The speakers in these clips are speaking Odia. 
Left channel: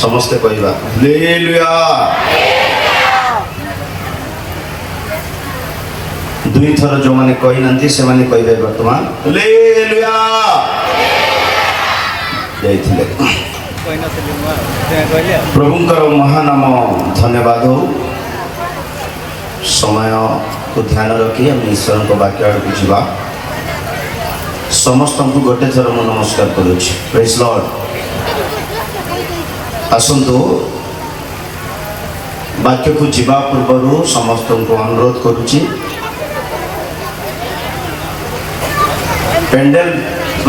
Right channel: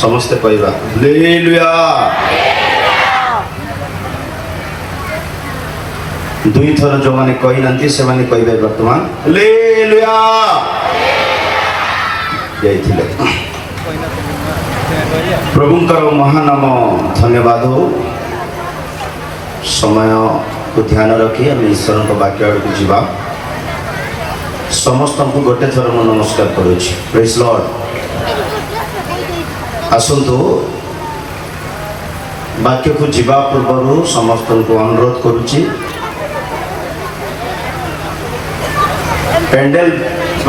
समस्ते कहवा हालेलुया। दुई थर जो मैंने कही ना से मैंने कहबे वर्तमान हालेलुया जाइथिले। प्रभुंकर महानाम धन्यवाद हो। समय को ध्यान रखी आम ईश्वर को वाक्य आड़ जावा। समस्त को गोटे थर मु नमस्कार करुच्ची। Praise Lord. आसतु वाक्य को जीवा पूर्व समस्त को अनुरोध करुच्ची पेंडेल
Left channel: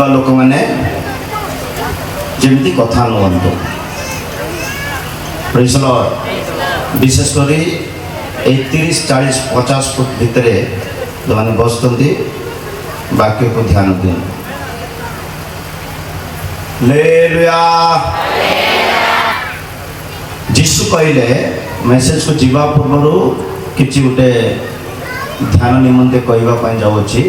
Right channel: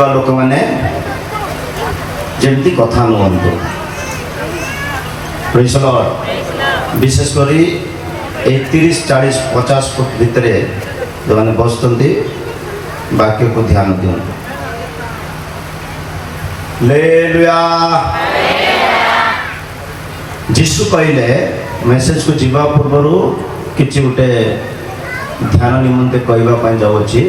लोक मैंने जमती कथा नुहतु। Praise Lord. विशेषकर 30, 40, 50 फुट भितर जो मैंने बसते वाक्य को ध्यान दियो। हालेलुया। जीशु कहले मेसेज को जीवा पूर्व किसी गोटे ध्यान निमंते कहवाई जाऊँगी।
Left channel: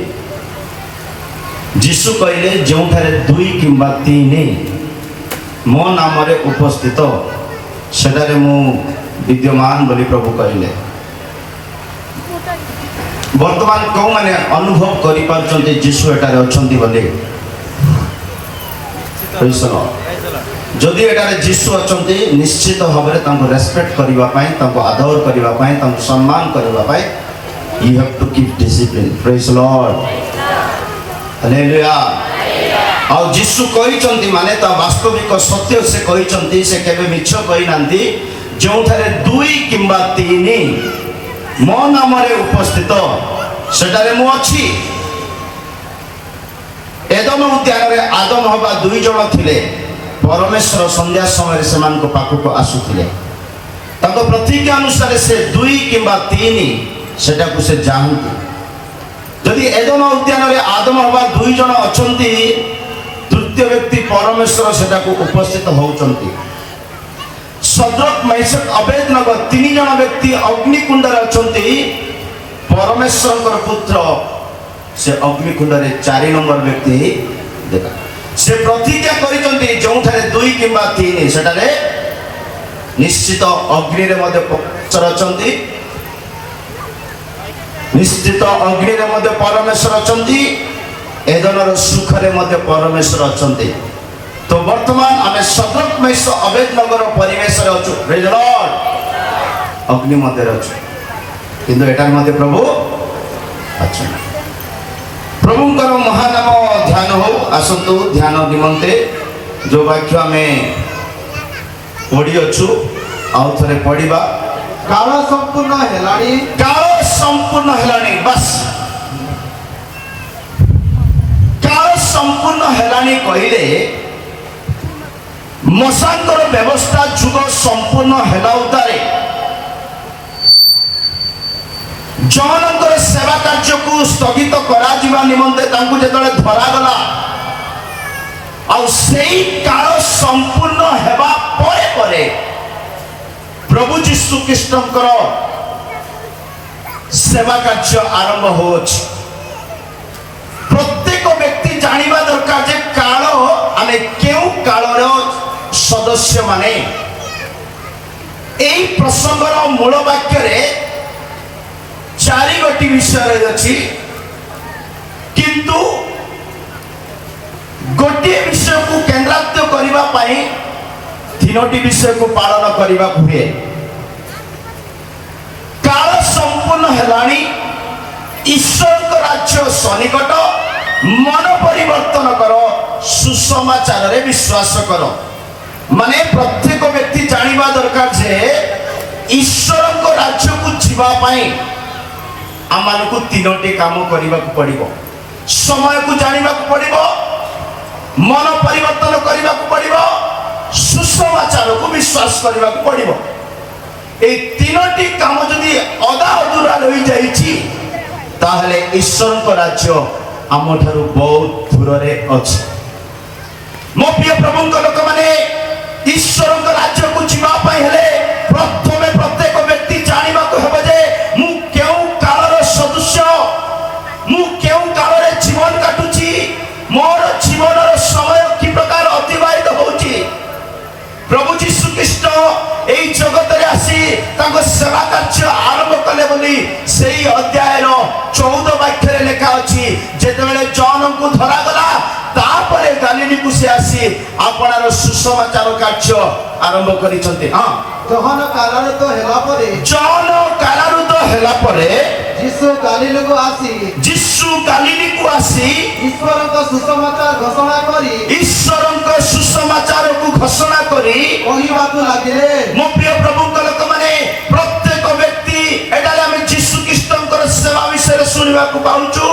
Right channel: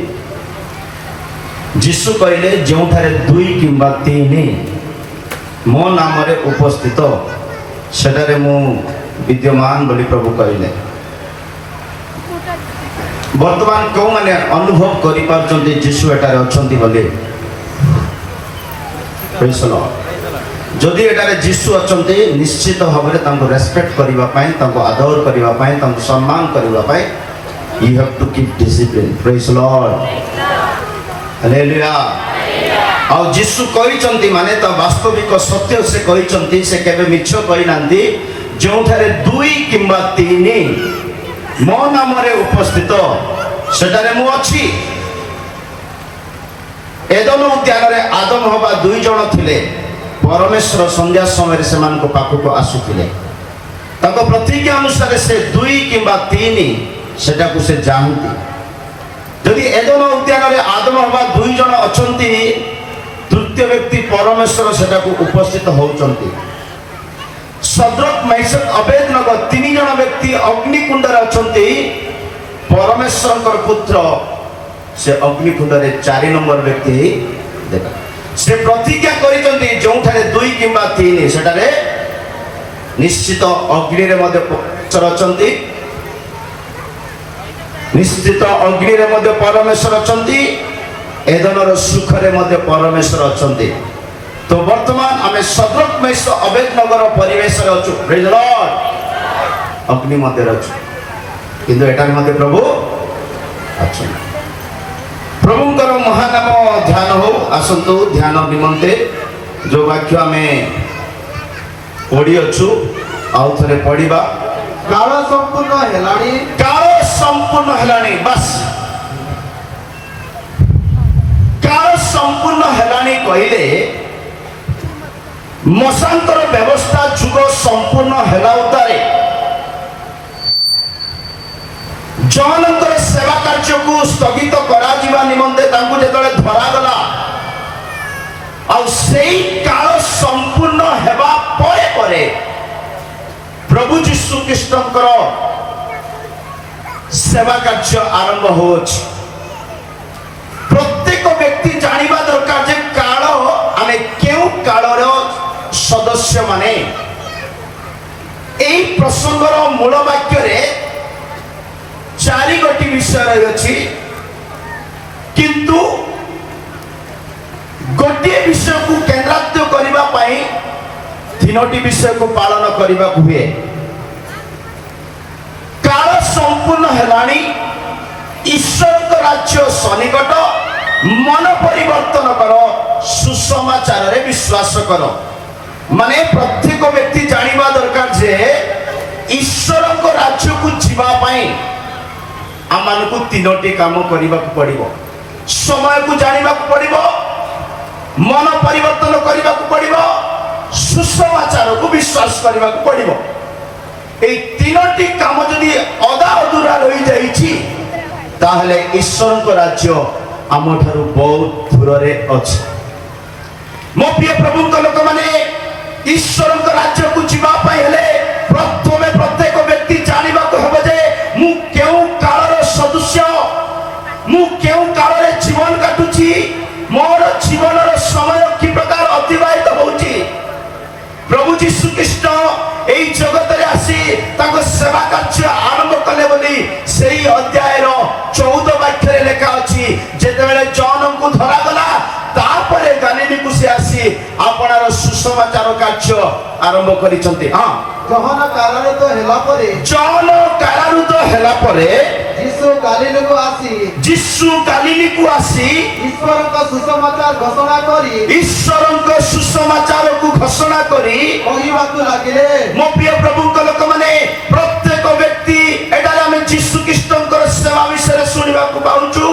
जीशु कहले जो 2 किंबा 3 मो नाम रे उपस्थित सेटारे मु विद्यमान बोली प्रभु कहले। वर्तमान कौ मैंने अनुभव करि पारछन्ते जीशु एटारे अछन्ती बोली। जदि एटारे जीशु अछन्ती निश्चित भाव में तांको रेस्पेक्ट करिवा पई, तांको आदर करिवा पई, तांको सम्मान करिवा पई you have to keep discipline. Praise Lord. Hallelujah. और जीशु कहिचंती माने ता वास्तविक सत्य से कहिचंती। से केबे मिछ कहि नांती। जोठारे 2 किंबा 3 मो नाम रे उपस्थित सेटारे मु अछि। एदम उद्यान रे आदम हवा 2 जण थिले। परमेश्वर संध्या समय से मान को पाखु को आसुथिले। ताको प्रतिज्ञा अनुसार से 2 किंबा 3 सेटा को से जानती। जदि एदम उद्यान रे आदम हवा 2 जण अछंती, तृतीय व्यक्ति परमेश्वर सेटा को उपस्थित होउचंती। सद्रक मैशक अबेदनगो 3 जण व्यक्ति अग्निकुंड रे अछंती। परमेश्वर पुत्र से अग्निकुंड रे 4 नंबर व्यक्ति देखा से प्रतिज्ञा करिचंती। जोठारे 2 किंबा 3 सेटारे निश्चित अग्नि रे मध्ये परमेश्वर अछंती। निश्चित अग्नि रे मध्ये परमेश्वर अछंती। एदनर सुख रे मध्ये परमेश्वर अछंती। तो वर्तमान आमे सद्रक मैश अबेदनगर परिवेश रे अछु। Praise Lord. अग्नि मध्ये अछु किंतु एटा मध्ये प्रभु अछु। प्रभुंकर महानाम ध्यान हो। आसतु ध्यान निमंते जो वाक्य आमे पढ़ी अछु आउ थरे पढ़िबा। काल संपूर्ण हेलानी। काल संपूर्ण हेलानी। बस काल संपूर्ण हेलानी कहले मशांतर व्यवस्था जुग संपूर्ण हेला उतारे। जनकर सेवा कार्य को स्थगित करा जीवा निमंते तांकु जेतले धरा गला और सेई काल संपूर्ण हेबा परे परे प्रभु यीशु कृष्णकर सेवा कार्य आरंभ होछ। प्रत्येक व्यक्ति जानिबा दरकार जे काल आमे केउ कालर सदस्य माने। एई प्रसंगर मूल वाक्य रे 4 गोटी विषय अछि किंतु गोटे विषय को केंद्रात्य करिबा पाई 3टी विषय को पालन करिबा हुए। काल संपूर्ण हेलानी। ईश्वर राज्य सनिकट। मन परिवर्तन करो। सुसमाचार रे विश्वास करो। माने प्रत्येक व्यक्ति जानिबा दरकार जे ईश्वर को राज्य को जीवा पाई आमान को 3टी काम करने को पड़िबो। समय को जानिबा को पड़िबो, मन परिवर्तन करने को पड़िबो, सुसमाचार को विश्वास करने को पड़िबो। ए 3टी काम जदि अधा अधूरा रही जाइछि ताहले ईश्वर को राज्य आम ठारू बहुत दूर रे अछि। मो प्रिय प्रभु को लोक माने ईश्वर को राज्य को जीवा पाई हेले प्रथमे प्रत्येक व्यक्ति जानिबा को हबो जे मु केउ कालर सदस्य, मु केउ काल रे जीवन काटुची, मोर जीवन समय कि प्रकार अतिबाहित होउची। प्रभु यीशु ख्रीष्ट କରିଛନ୍ତି। ହଁ, ଜହନ କାରାରୂତ ହେଲା ପରେ ଜନ କାରାରୁତ ହେଲା ପରେ ଯୀଶୁ ଗାଲିଲକୁ ଆସି ଯୀଶୁ ଗାଲିଲୀକୁ ଆସି ଈଶ୍ୱରଙ୍କ ସୁସମାଚାର ଘୋଷଣା କରି ଈଶ୍ୱରଙ୍କ ସୁସମାଚାରକୁ ଘୋଷଣା କରି କହିବାକୁ ଲାଗିଲେ, ମୋ ପ୍ରିୟ ପ୍ରଭୁଙ୍କ ଲୋକମାନେ, ପ୍ରତ୍ୟେକ ବ୍ୟକ୍ତି ଏଠାରେ ଆମେ ଯୀଶୁ ଖ୍ରୀଷ୍ଟଙ୍କର ସେବା ବିଷୟରେ ଶୁଣିବାକୁ ପାଉଛୁ।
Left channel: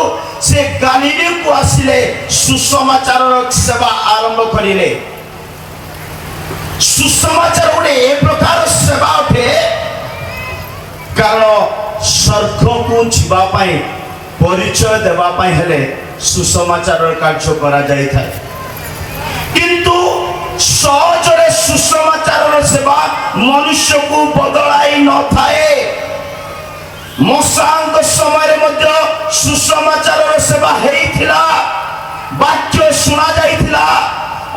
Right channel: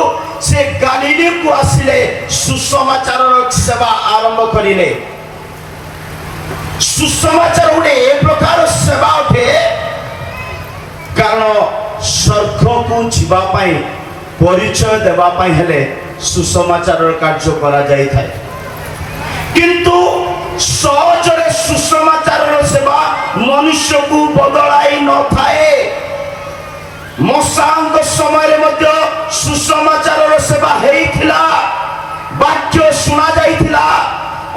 ସେ ଗାଲିଲୀକୁ ଆସିଲେ, ସୁସମାଚାରର ସେବା ଆରମ୍ଭ କରିଲେ। ସୁସମାଚାର ଗୋଟେ ଏ ପ୍ରକାର ସେବା ଅଟେ, କାରଣ ସ୍ୱର୍ଗକୁ ଯିବା ପାଇଁ ପରିଚୟ ଦେବା ପାଇଁ ହେଲେ ସୁସମାଚାରର କାର୍ଯ୍ୟ କରାଯାଇଥାଏ। କିନ୍ତୁ ସହଜରେ ସୁସମାଚାରର ସେବା ମନୁଷ୍ୟକୁ ବଦଳାଇ ନଥାଏ। ମଶାଙ୍କ ସମୟରେ ମଧ୍ୟ ସୁସମାଚାରର ସେବା ହେଇଥିଲା, ବାକ୍ୟ ଶୁଣା ଯାଇଥିଲା,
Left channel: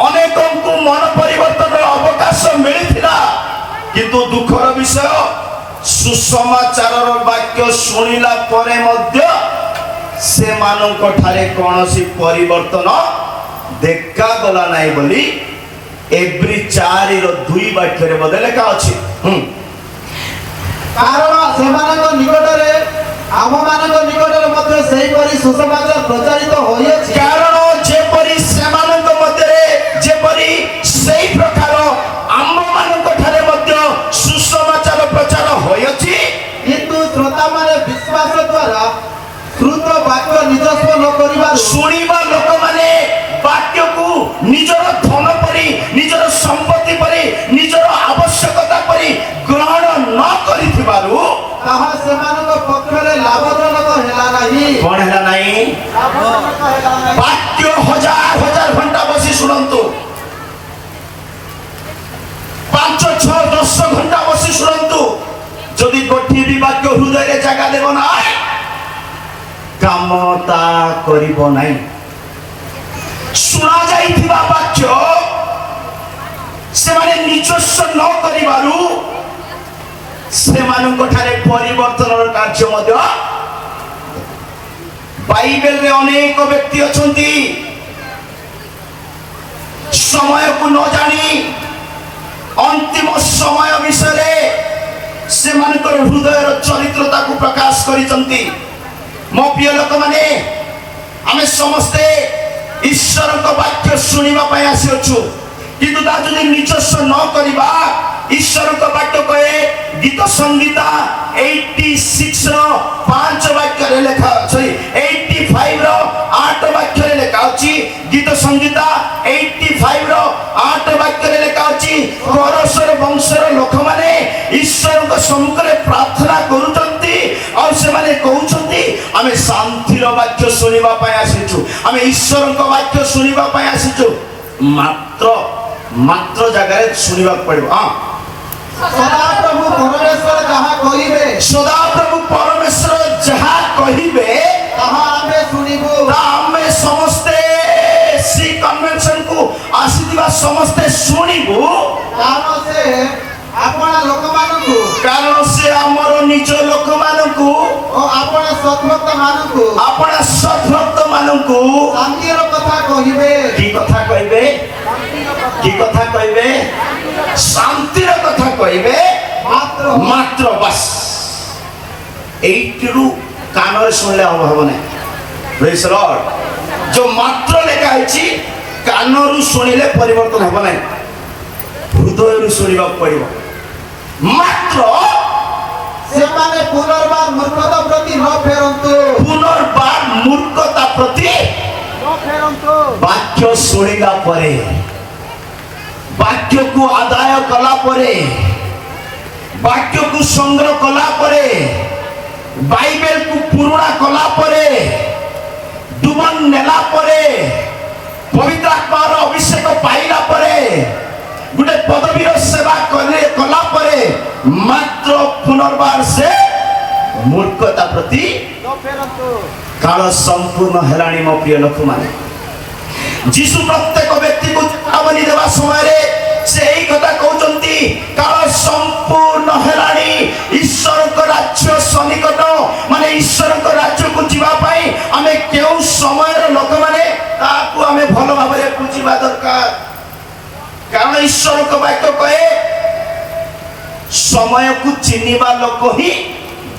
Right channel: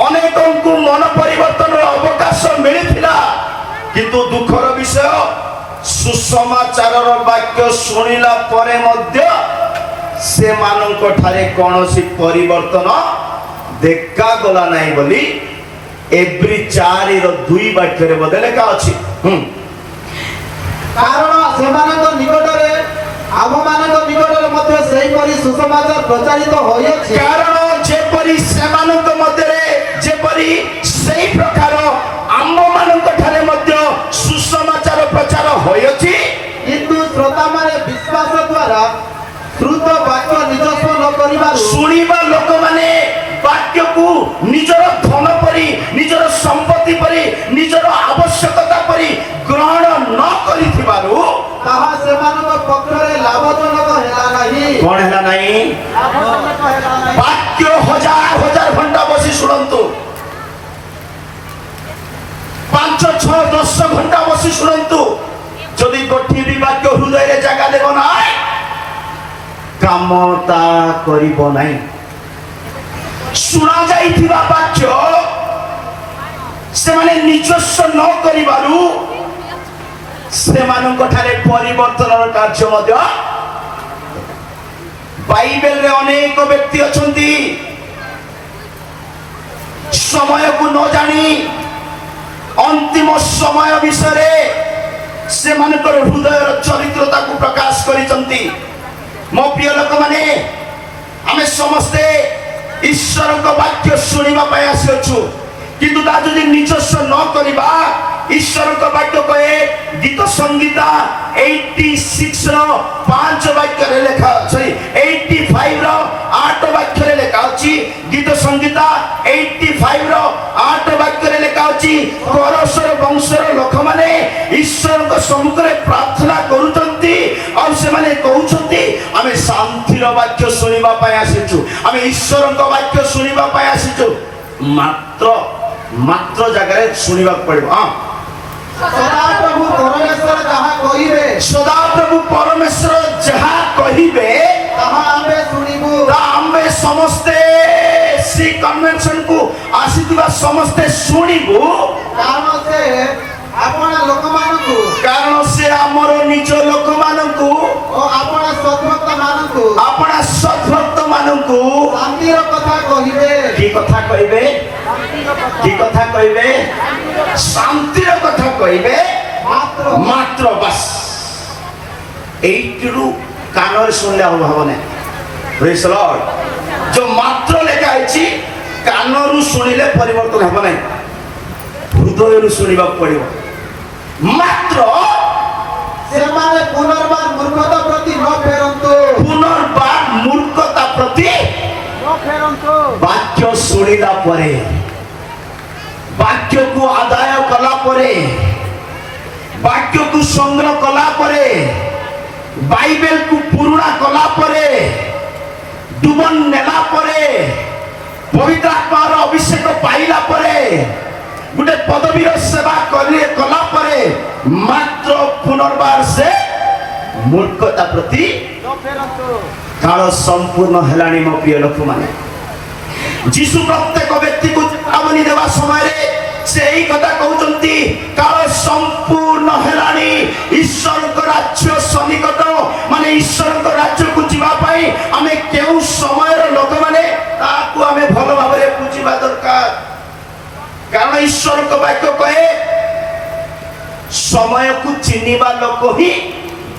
ଅନେକଙ୍କୁ ମନ ପରିବର୍ତ୍ତନର ଅବକାଶ ମିଳିଥିଲା। କିନ୍ତୁ ଦୁଃଖର ବିଷୟ, ସୁସମାଚାରର ବାକ୍ୟ ଶୁଣିଲା ପରେ ମଧ୍ୟ ସେମାନଙ୍କ ଠାରେ କୌଣସି ପରିବର୍ତ୍ତନ ଦେଖାଗଲା ନାହିଁ ବୋଲି ଏବ୍ରି 4:2 ବାକ୍ୟରେ ମଧ୍ୟ ଲେଖା ଅଛି। କାରଣ ସେମାନଙ୍କ ନିକଟରେ ଆମମାନଙ୍କ ନିକଟରେ ମଧ୍ୟ ସେହିପରି ସୁସମାଚାର ପ୍ରଚାରିତ ହୋଇଅଛି। କାରଣ ଯେପରି ସେମାନଙ୍କ ମଧ୍ୟରେ ଯେପରି ସେହି ପ୍ରକାର ଆମମାନଙ୍କ ଠାରେ ମଧ୍ୟ ସୁସମାଚାର ପ୍ରଚାର ହୋଇଅଛି। କିନ୍ତୁ ଶ୍ରୋତାମାନେ ବିଶ୍ୱାସ ଦ୍ୱାରା ଶ୍ରୁତ ବାକ୍ୟ ନିଜସ୍ୱ ନ କରିବାରୁ ଶୁଣିବା ଲୋକମାନେ ବାକ୍ୟକୁ ନିଜର ଧନ ପରି, ନିଜର ସମ୍ପତ୍ତି ପରି, ନିଜର ଆବଶ୍ୟକତା ପରି ଗ୍ରହଣ ନ କରିଥିବାରୁ ତାହା ସେମାନଙ୍କ ପକ୍ଷରେ ଲାଭଜନକ ହେଲା ନାହିଁ। କଣ ହେଲା ନାହିଁ? ଲାଭଜନକ ହେଲା ନାହିଁ। ବାକ୍ୟ ହଜାର ହଜାର ଘଣ୍ଟା ବସି ଶୁଣନ୍ତୁ, 5, 6, 10 ଘଣ୍ଟା ବସି ଶୁଣନ୍ତୁ, ଯଦି ଗୋଟିଏ ବି ବାକ୍ୟ ହୃଦୟରେ ଜାଗା ଦେବ ନାହିଁ, କାମ ତା କରିବ ନାହିଁ। ଶୁଣା ଯାଇଥିବା ବାକ୍ୟ ସେମାନେ ନିଜସ୍ୱ ନ କରିବାରୁ ସେମାନଙ୍କ ଠାରେ ପରିବର୍ତ୍ତନର କାର୍ଯ୍ୟ ମଧ୍ୟ। ବାଇବେଲରେ ଅନେକ ବ୍ୟକ୍ତି ଅଛନ୍ତି, ସମୟକୁ ନ ଜାଣି ଅନ୍ତିମ ସମୟ ବିଷୟରେ ସେମାନଙ୍କର ହୃଦୟର ଚରିତ୍ରତାକୁ ପ୍ରକାଶ କରିଛନ୍ତି। ମୋ ପ୍ରିୟ ଲୋକମାନେ, ଆମେ ସମସ୍ତେ ଈଶ୍ୱରଙ୍କ ବାକ୍ୟ ଶୁଣିବା ପାଇଁ ଆସିଅଛୁ, କିନ୍ତୁ ତା ଯଦି ନିଜସ୍ୱ ନ କରିବା, ଈଶ୍ୱରଙ୍କ ବାକ୍ୟ କହେ, ଗୀତ ସଂହିତା 86:5 ବାକ୍ୟରେ ଲେଖା ଅଛି, 85:8 ବାକ୍ୟରେ ଲେଖା ଅଛି। ଗୀତ ସଂହିତା 85:8 ବାକ୍ୟରେ ଲେଖା ଅଛି, ପରଶର ବଂଶର ଲୋକମାନେ ଈଶ୍ୱରଙ୍କ ସମ୍ମୁଖରେ ପ୍ରାର୍ଥନା କରୁଛନ୍ତି, ଆଉ ସେମାନେ କହୁଛନ୍ତି, ଆମେ ଶାନ୍ତିର ବାକ୍ୟ ଶୁଣିବା ପାଇଁ ଆସିଛୁ, ଆମେ ଈଶ୍ୱରଙ୍କ ବାକ୍ୟ ଶୁଣିବା ପାଇଁ ଆସିଛୁ। ମାତ୍ର ଜାଗାରେ ଶୁଣିବାକୁ ପଡିବ। ସଦାପ୍ରଭୁ ପରମେଶ୍ୱର ଯାହା କହିବେ, ସଦାପ୍ରଭୁ ପରମେଶ୍ୱର ଯାହା କହିବେ ତାହା ଆମେ ଶୁଣିବୁ। ଆମେ ସମସ୍ତେ ସେ କନଭେନସନକୁ ଆସିଥିବା ସମସ୍ତେ ଶୁଣିବୁ। କାରଣ ସେ ଆପଣ ଲୋକମାନଙ୍କୁ କାରଣ ସେ ଆମର ନିଜ ଲୋକମାନଙ୍କୁ ଓ ଆପଣ ସଦ୍ଭକ୍ତମାନଙ୍କୁ ଆପଣା ସଦ୍ଭକ୍ତମାନଙ୍କୁ ଶାନ୍ତିର କଥା କହିବେ। କି କଥା କହିବେ? ଶାନ୍ତିର କଥା। କି କଥା କହିବେ? ଶାନ୍ତିର କଥା କହିବେ। ମାତ୍ର ବାସ୍ এইটুকু কাନରେ শুনলে হব না। Praise the Lord. जो মাত্র লেখা আছে কানରୁ শুনিলে পরিবর্তন হবে না, হৃদয়ରୁ শুনিବାକୁ ପଡ଼ିବ। ମାତ୍ର ସେମାନେ ପୁନର୍ବାର ମୂର୍ଖତା ପ୍ରତି ନ ଫେରନ୍ତୁ। ପୁନର୍ବାର ମୂର୍ଖତା ପ୍ରତି ନ ଫେରନ୍ତୁ। ବାକ୍ୟ ଶୁଣିଲା ପରେ, ବାକ୍ୟକୁ ଆଦାୟ କଲା ପରେ, ବାକ୍ୟକୁ ସଂଗ୍ରହ କଲା ପରେ, ବାଇବେଲକୁ ପୁରୁଣା କଲା ପରେ, ଡୁବନ ନେଲା ପରେ, ପବିତ୍ର ଆତ୍ମାର ଅଭିଷେକ ପାଇଲା ପରେ, ଗୋଟେ ପଦବୀର ସେବା କଲା ପରେ ମାତ୍ର ପୁନର୍ବାର ସେ ମୂର୍ଖତା ପ୍ରତି କାଳ ସମ୍ପୂର୍ଣ୍ଣ ହେଲାଣି। ମୋ ପ୍ରିୟ ଲୋକମାନେ, ଯୀଶୁ ପ୍ରତ୍ୟେକ ବ୍ୟକ୍ତିକୁ ଚେତାବନୀ ଦେବା ସମୟରେ ସେ ଏହି କଥା କହୁଛନ୍ତି, କାଳ ସମ୍ପୂର୍ଣ୍ଣ ହେଲାଣି, ଈଶ୍ୱରଙ୍କ ରାଜ୍ୟ ସନ୍ନିକଟ। ମାନେ ଈଶ୍ୱରଙ୍କ ରାଜ୍ୟକୁ ଯିବା ପାଇଁ ଆମେ କେଉଁ ସମୟର ଲୋକମାନେ ତାହାକୁ ଆମେ ଭଲ ଭାବରେ ବୁଝିବା ଦରକାର। କାରଣ ଈଶ୍ୱରଙ୍କ ବାକ୍ୟ କହେ, समय को चिन्हिबा लोक ही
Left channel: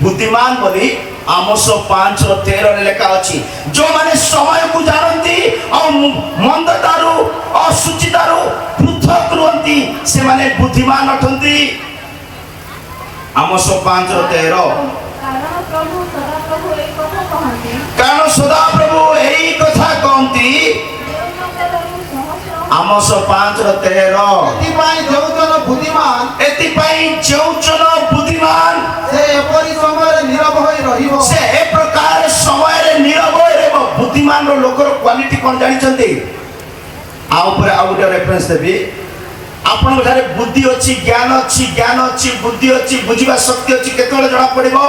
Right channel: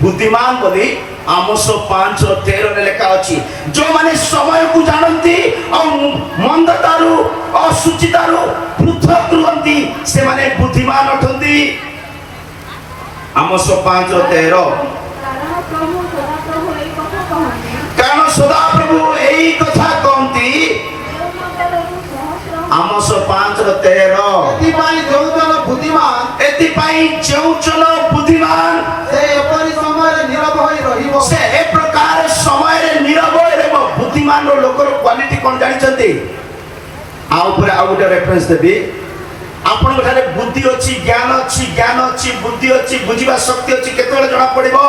बुद्धिमान बोली आमोस 5:13 लेखा अछि। जो माने समय को जानती और मंदतारु असुचितारु पृथक रुहंती से माने बुद्धिमान अटंती। आमोस 5:13 कारण सदा प्रभु यही कथा कहती। आमोस 5:13 ଏଥିପାଇଁ ଯୋଉଜନ ବୁଦ୍ଧିମାନ एतिपाई जोचन बुद्धिमान ସେ ଏପରି ସମୟରେ ନୀରବ ହୋଇ ରହିବ। से ए प्रकार समय रे नीरव रहबो। बुद्धिमान रो लोकर क्वालिटी कोन जानि छथि आ ऊपर आ गोटे रेफरेंस देबी। आपन घरे बुद्धि अछि ज्ञान अछि बुद्धि अछि बुझिबा शक्ति अछि केतबेले जणा पड़िबो।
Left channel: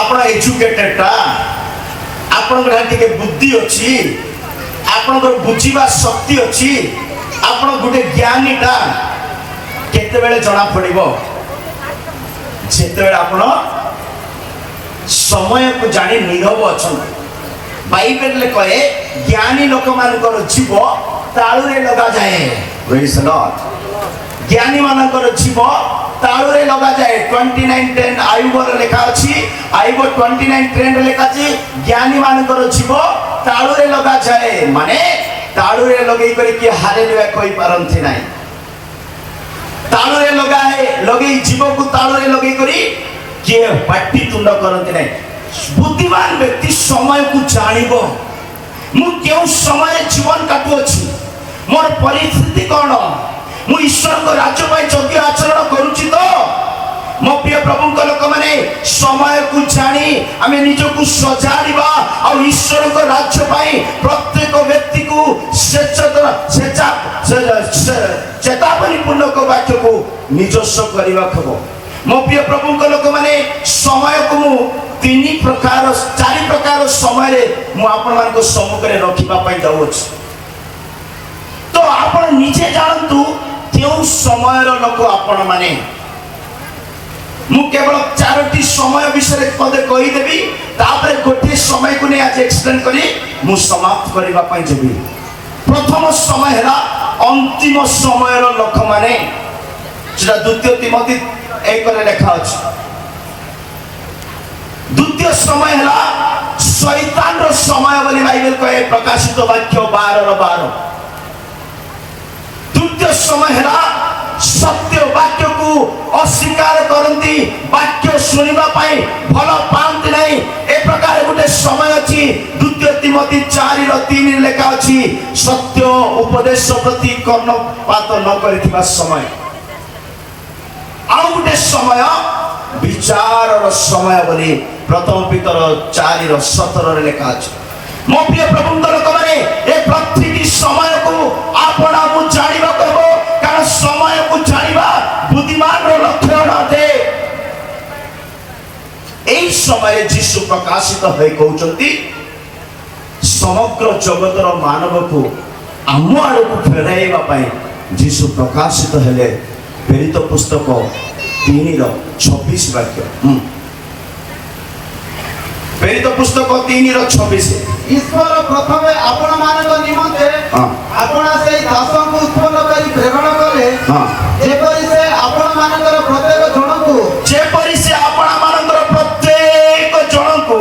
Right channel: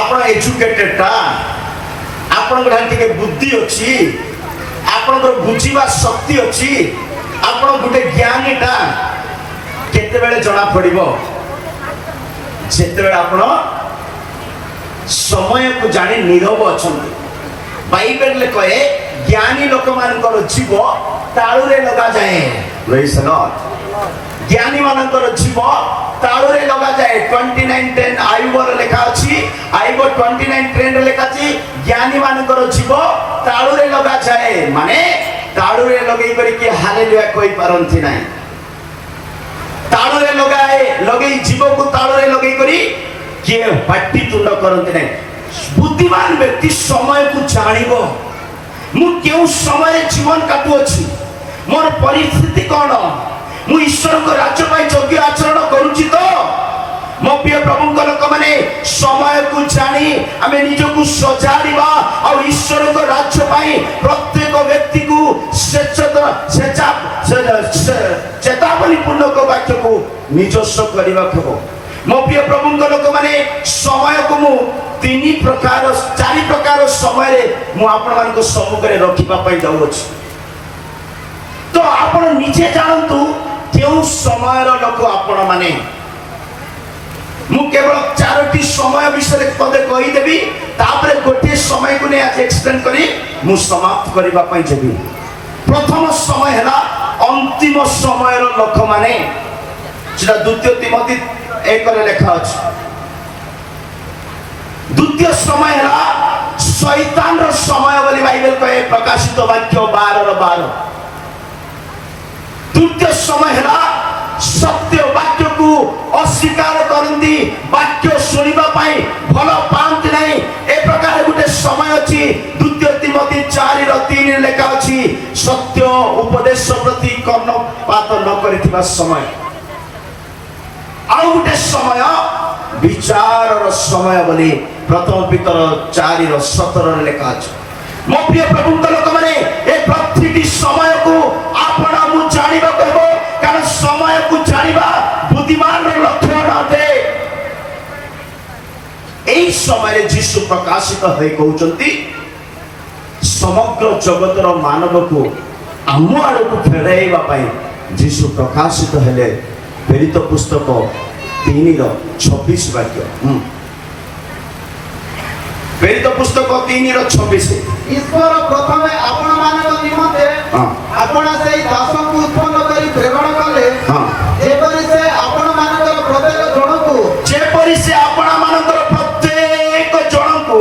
आपण एजुकेटेड ता आपण घरे के बुद्धि अछि आपण को बुझिबा शक्ति अछि आपण गुटे ज्ञानी ता केतबेले जणा पड़िबो जेतबेले आपण समय को जानि नीरव अछन। बाइबल ले कहे ज्ञानी लोक मानकर जीव ताळु रे लगा जाए। Praise the Lord. ज्ञानी मानकर जीव ताळु रे लगा जाए। 29:10 आयुबर लेखा अछि। आयुब 29:10 लेखा अछि ज्ञानी मानकर जीव ताळु रे लगा जाए माने ताळु रे लगेई करी कि हालेलुया कोई परंथि नाही। ताळु रे लगाए लगेई जीव को ताळु रे लगेई करी कि पाटी तुंड करंथि नाही। बुद्धिमान व्यक्ति समय को जानिबो मु केउ समय जीवन काटु अछि मोर परिस्थिति कोन मु ईश्वर को राज्य पाई योग्य आचरण करूची तो मो प्रिय प्रभु को लोक माने समय को जानी आमे निज को सजाड़ीबा और ईश्वर को राज्य पाई प्रत्येक व्यक्ति को चेतावनी पूर्ण को वाक्य को निजस्व करबा खबो। मो प्रिय प्रभु को लोक माने समय को मु 4 प्रकार समय रे मु आपन मान को सम्मुख रे रखिबा पई जाउ अछि। तो आपण निजे जानतु केउ समय रो लोक आपण माने मु केवल 4टी समय विषय पदे कहि देबी तापरे गोटे समय को ने आज एक्सप्लेन करी मु समाप्त करबा पई जेबी। प्रथम समय हैला अंतिम समय रो लोक माने जेटा द्वितीय तिमोथी 1 रे लिखा अछि। द्वितीय समय हैला शैतान रो समय बोली बाइबल कहे प्रकाशित वाक्य 12:12। द्वितीय समय हैला सत्य वाक्य को अस्वीकार करंती वाक्य सुनिबा पाई भलो पाउंती नाही ए प्रकार गुटे समय अछि। द्वितीय तिमोथी 4:3 लेखा अछि सत्य उपदेश प्रति कर्णपात न करिथिबा समय। आउ गुटे समय विचार समय बोली प्रथम पितर 4:17 लेखा अछि। मो प्रिय प्रभु लोक माने ए प्रतिटी समय को आपण मु जानिबा करबो कारण समय को जानिबा बुद्धिमान रो लक्षण अटे। एई समय यीशु प्रकाशित होई कहउचंती समग्र जगतर मानव को आम आड़ को फेराइबा पई यीशु प्रकाशित हेले। प्रेरित पुस्तक 3:26 वाक्य। प्रेरित पुस्तक 3:26 ईश्वर प्रथमे आपण मानव निमंते आपण सेई दास को उत्पन्न करी प्रेरण कले जेपरि से आपण मानकर प्रत्येक जन को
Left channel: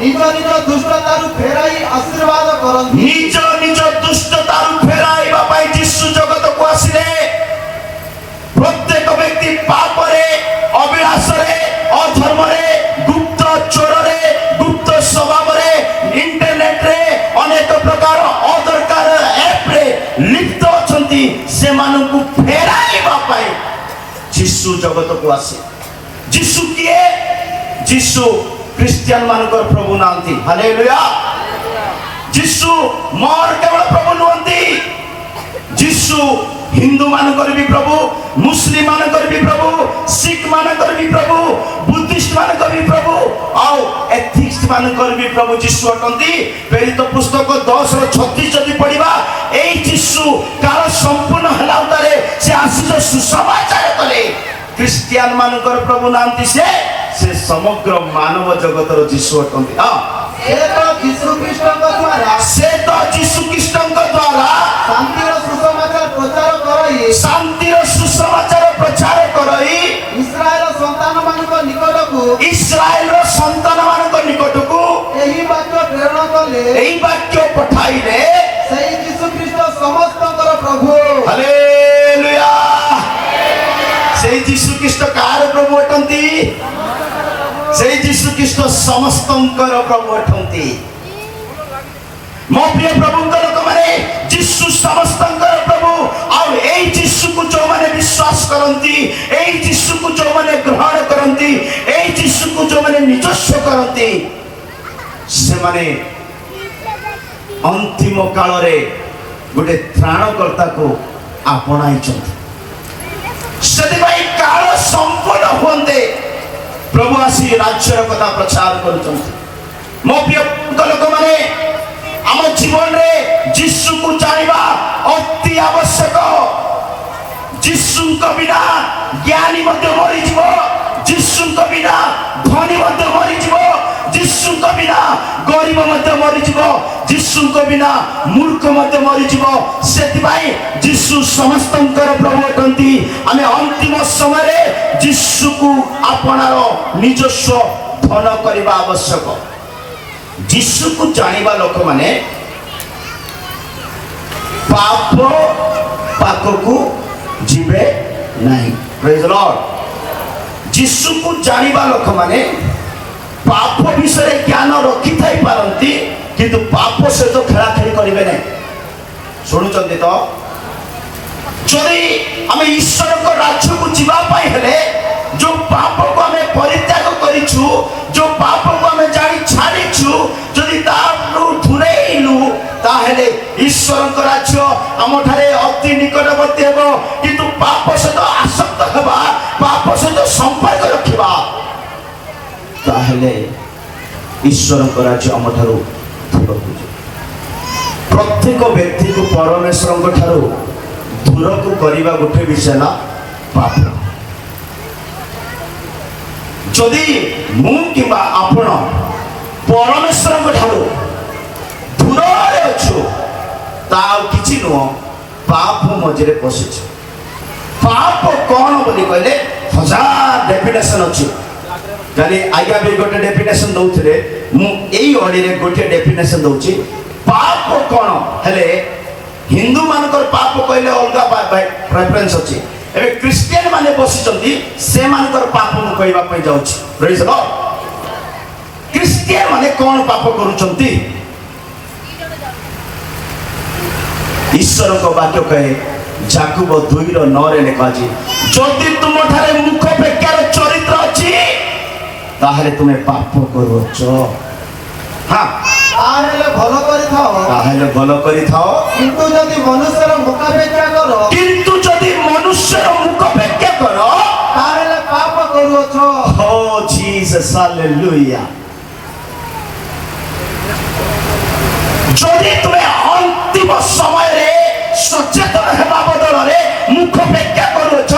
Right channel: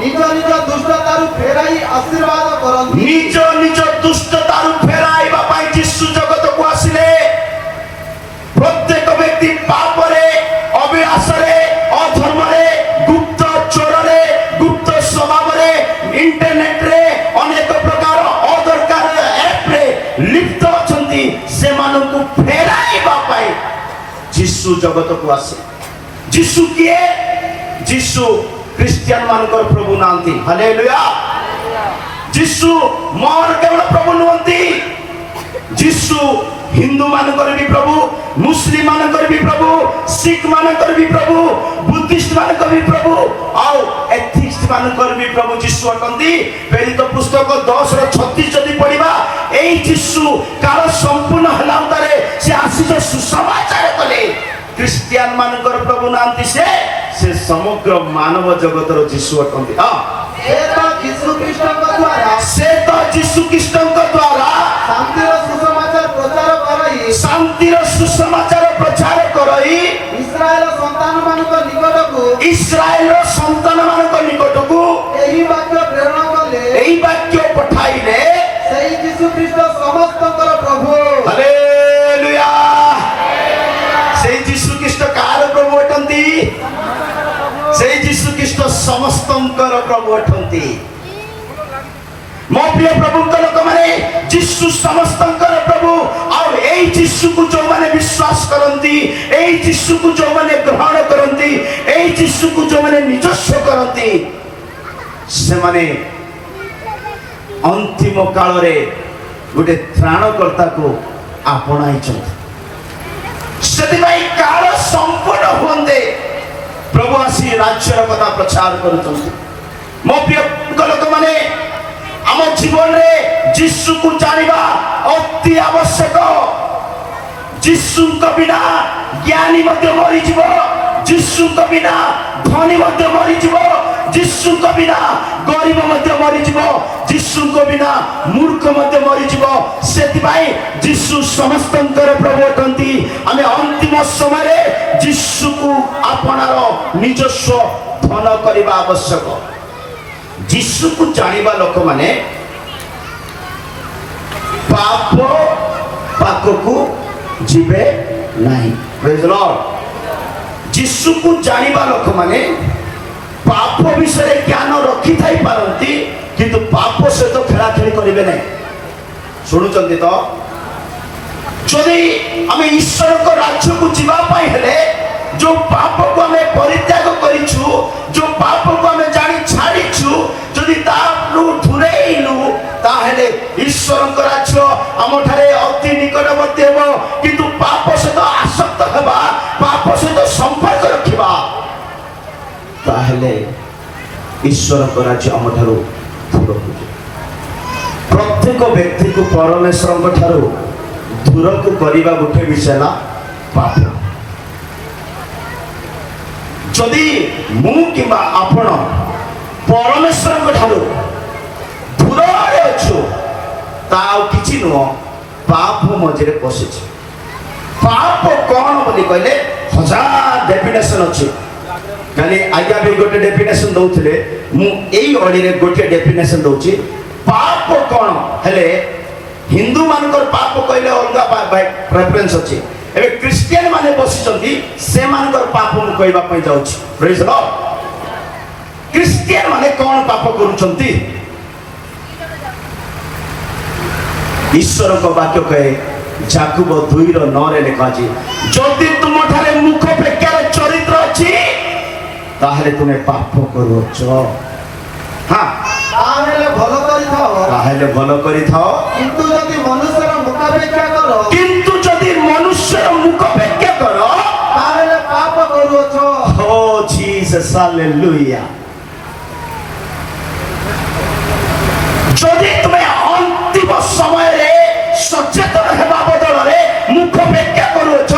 निज निज दुष्टतारु फेराई आशीर्वाद करंती। निज निज दुष्टतारु फेराइबा पई यीशु जगत को आसिले। प्रत्येक व्यक्ति पाप रे अभिलाष रे अधर्म रे गुप्त चोर रे गुप्त स्वभाव रे इंटरनेट रे अनेक प्रकार अदरकार ऐप रे लिप्त अछंती से मानु को फेराइबा पई यीशु जगत को आसे। यीशु किए यीशु क्रिश्चियन मानकर प्रभु नांती। हालेलुया। यीशु मोर केवल प्रभु नंती। यीशु हिंदू मानकर भी प्रभु मुस्लिम मानकर भी प्रभु सिख मानकर भी प्रभु बुद्धिस्ट मानकर भी प्रभु और एथिस्ट मानकर भी प्रभु यीशु अटंती। प्रेरित पुस्तक 10:36 जदि पढ़िबा एई यीशु काल संपूर्ण हला उतारे से आशीष सुसमाचार तले क्रिश्चियन मानकर प्रभु नांती से समग्र मानव जगतर यीशु अटंती। हां से तो यीशु कृष्ण का द्वारा शांतिर सुसमाचार प्रचार करई ସମସ୍ତଙ୍କର ପ୍ରଭୁ ଅଟନ୍ତି। ମୋ ପ୍ରିୟ ପ୍ରଭୁଙ୍କ ଲୋକମାନେ ଯୀଶୁ ସମସ୍ତଙ୍କର ପ୍ରଭୁ। ଆଉ ଏଇ ଯୀଶୁକୁ ଯୋଉମାନେ ବିଶ୍ୱାସ କରନ୍ତି, ଏଇ ଯୀଶୁକୁ ଯୋଉମାନେ ଗ୍ରହଣ କରନ୍ତି, ଏଇ ଯୀଶୁକୁ ଯୋଉମାନେ ନିଜସ୍ୱ କରନ୍ତି, ସେମାନେ ଅନ୍ତିମ କାଳରେ ଗୋଟେ ତ୍ରାଣକର୍ତ୍ତାକୁ ଆପଣାଇଛନ୍ତି। ସେଥିପାଇଁ କାଳ ସମ୍ପୂର୍ଣ୍ଣ ହୁଅନ୍ତେ ପ୍ରଭୁ ଆସି ରାଜ୍ୟର କଥା ପ୍ରଚାର କରୁଛନ୍ତି। ମୋ ପ୍ରିୟ ଲୋକମାନେ ଆମ ଜୀବନରେ ଯୀଶୁକୁ ଜାଣିବା ଅତି ଆବଶ୍ୟକ। ଯୀଶୁଙ୍କ ବିନା ଜ୍ଞାନୀ ମଧ୍ୟ ମରିଯିବ, ଯୀଶୁଙ୍କ ବିନା ଧନୀ ମଧ୍ୟ ମରିଯିବ, ଯୀଶୁଙ୍କ ବିନା ଗରିବ ମଧ୍ୟ ମରିଯିବ, ଯୀଶୁଙ୍କ ବିନା ମୂର୍ଖ ମଧ୍ୟ ମରିଯିବ। ସେଥିପାଇଁ ଯୀଶୁ ସମସ୍ତଙ୍କର ପ୍ରଭୁ ଅଟନ୍ତି। ଆମେ ଅନ୍ତିମ ସମୟରେ ଯୀଶୁକୁ ଆପଣାର ନିଜସ୍ୱ ଧନ କରିବା ଆବଶ୍ୟକ। ଯୀଶୁକୁ ଜାଣିବା ଲୋକମାନେ ପାପ ପାଖକୁ ଯିବେ ନାହିଁ। ପ୍ରେଜ୍ ଦ ଲର୍ଡ। ଯୀଶୁକୁ ଜାଣିବା ଲୋକମାନେ ପାପ ବିଷୟରେ ଜ୍ଞାନ ରଖିଥାଇ ପାରନ୍ତି, କିନ୍ତୁ ପାପ ସହିତ ଖେଳାଖେଳି କରିବେ ନାହିଁ। ଶୁଣୁଛନ୍ତି ତ? ଯଦି ଆମେ ଈଶ୍ୱରଙ୍କ ରାଜ୍ୟକୁ ଯିବା ପାଇଁ ହେଲେ ଯୋଉ ପାପକୁ ଆମେ ପରିତ୍ୟାଗ କରିଛୁ, ଯୋଉ ପାପକୁ ଆମେ ଜାଣି ଛାଡ଼ିଛୁ, ଯଦି ତାଠୁ ଦୂରେଇଲୁ, ତାହେଲେ ଈଶ୍ୱରଙ୍କ ରାଜ୍ୟ ଆମଠାରେ ଅତି ନିକଟବର୍ତ୍ତୀ ହେବ। କିନ୍ତୁ ପାପ ସହିତ ଆସକ୍ତ ହେବା, ପାପ ସହିତ ସମ୍ପର୍କ ରଖିବା, ତାହେଲେ ଈଶ୍ୱରଙ୍କ ରାଜ୍ୟ ଆମଠାରୁ ଦୂର ହୋଇଯିବ। ପ୍ରତ୍ୟେକ ବ୍ୟକ୍ତିକୁ ପରମେଶ୍ୱରଙ୍କ ଠାରୁ ଦୂରକୁ କରିବା ଗୋଟେ ବିଷୟ ହେଲା ପାପ। ଯଦି ମୁଁ କିମ୍ବା ଆପଣ ପରମେଶ୍ୱରଙ୍କ ଠାରୁ ଦୂରରେ ଅଛୁ, ତା ଆଉ କିଛି ନୁହଁ, ପାପ ମଝିରେ ପଶିଛୁ। ପାପ କଣ ବୋଲି କହିଲେ ହଜାର ଡେଫିନେସନ ଅଛି। କାଲି ଆଜ୍ଞା ବି ଗୋଟେ ଡେଫିନେସନ ଦଉଥିଲେ, ମୁଁ ଏଇ ଅଡିରେ ଗୋଟିଏ ଡେଫିନେସନ ଦଉଛି। ପାପ କଣ ହେଲେ ହିନ୍ଦୁ ମାନଙ୍କର ପାପ କହିଲେ ଅଲଗା ପ୍ରେଫରେନ୍ସ ଅଛି। ଏବେ ଖ୍ରୀଷ୍ଟିଆନ ମାନେ ବସିଛନ୍ତି, ସେମାନଙ୍କର ପାପ ମୁଁ କହିବା ପାଇଁ ଯାଉଛି। ପ୍ରେଜ୍ ଦ ଲର୍ଡ। ଖ୍ରୀଷ୍ଟିଆନ ମାନେ କଣ ପାପ କରୁଛନ୍ତି? ଈଶ୍ୱରଙ୍କ ବାକ୍ୟ କହେ, ଯାକୁବ 2:9 ଲେଖା ଅଛି, ଯଦି ତୁମଠାରେ ମୁଖ ବେକାର ଚରିତ୍ର ଅଛି, ତାହେଲେ ତୁମେ ପାପ କରୁଛ। ହଁ, ତାହେଲେ ଭଲ କରିଥାଅ। ତାହେଲେ ଭଲ କରିଥାଅ। କିନ୍ତୁ ଯଦି ମନୁଷ୍ୟର ମୁଖାପେକ୍ଷା କର, କିନ୍ତୁ ଯଦି ମନୁଷ୍ୟର ମୁଖ ବେକ୍ୟା କର, ତାହେଲେ ପାପ କରୁଅଛ। ଓ ଜିସସ୍ ହାଲେଲୁୟା। ଯଦି ତୁମେ ଅନ୍ତିମ ସମୟରେ ସଚେତନ ହେବା ବଦଳରେ ମୁଖ ବେକ୍ୟା କରୁଅଛ,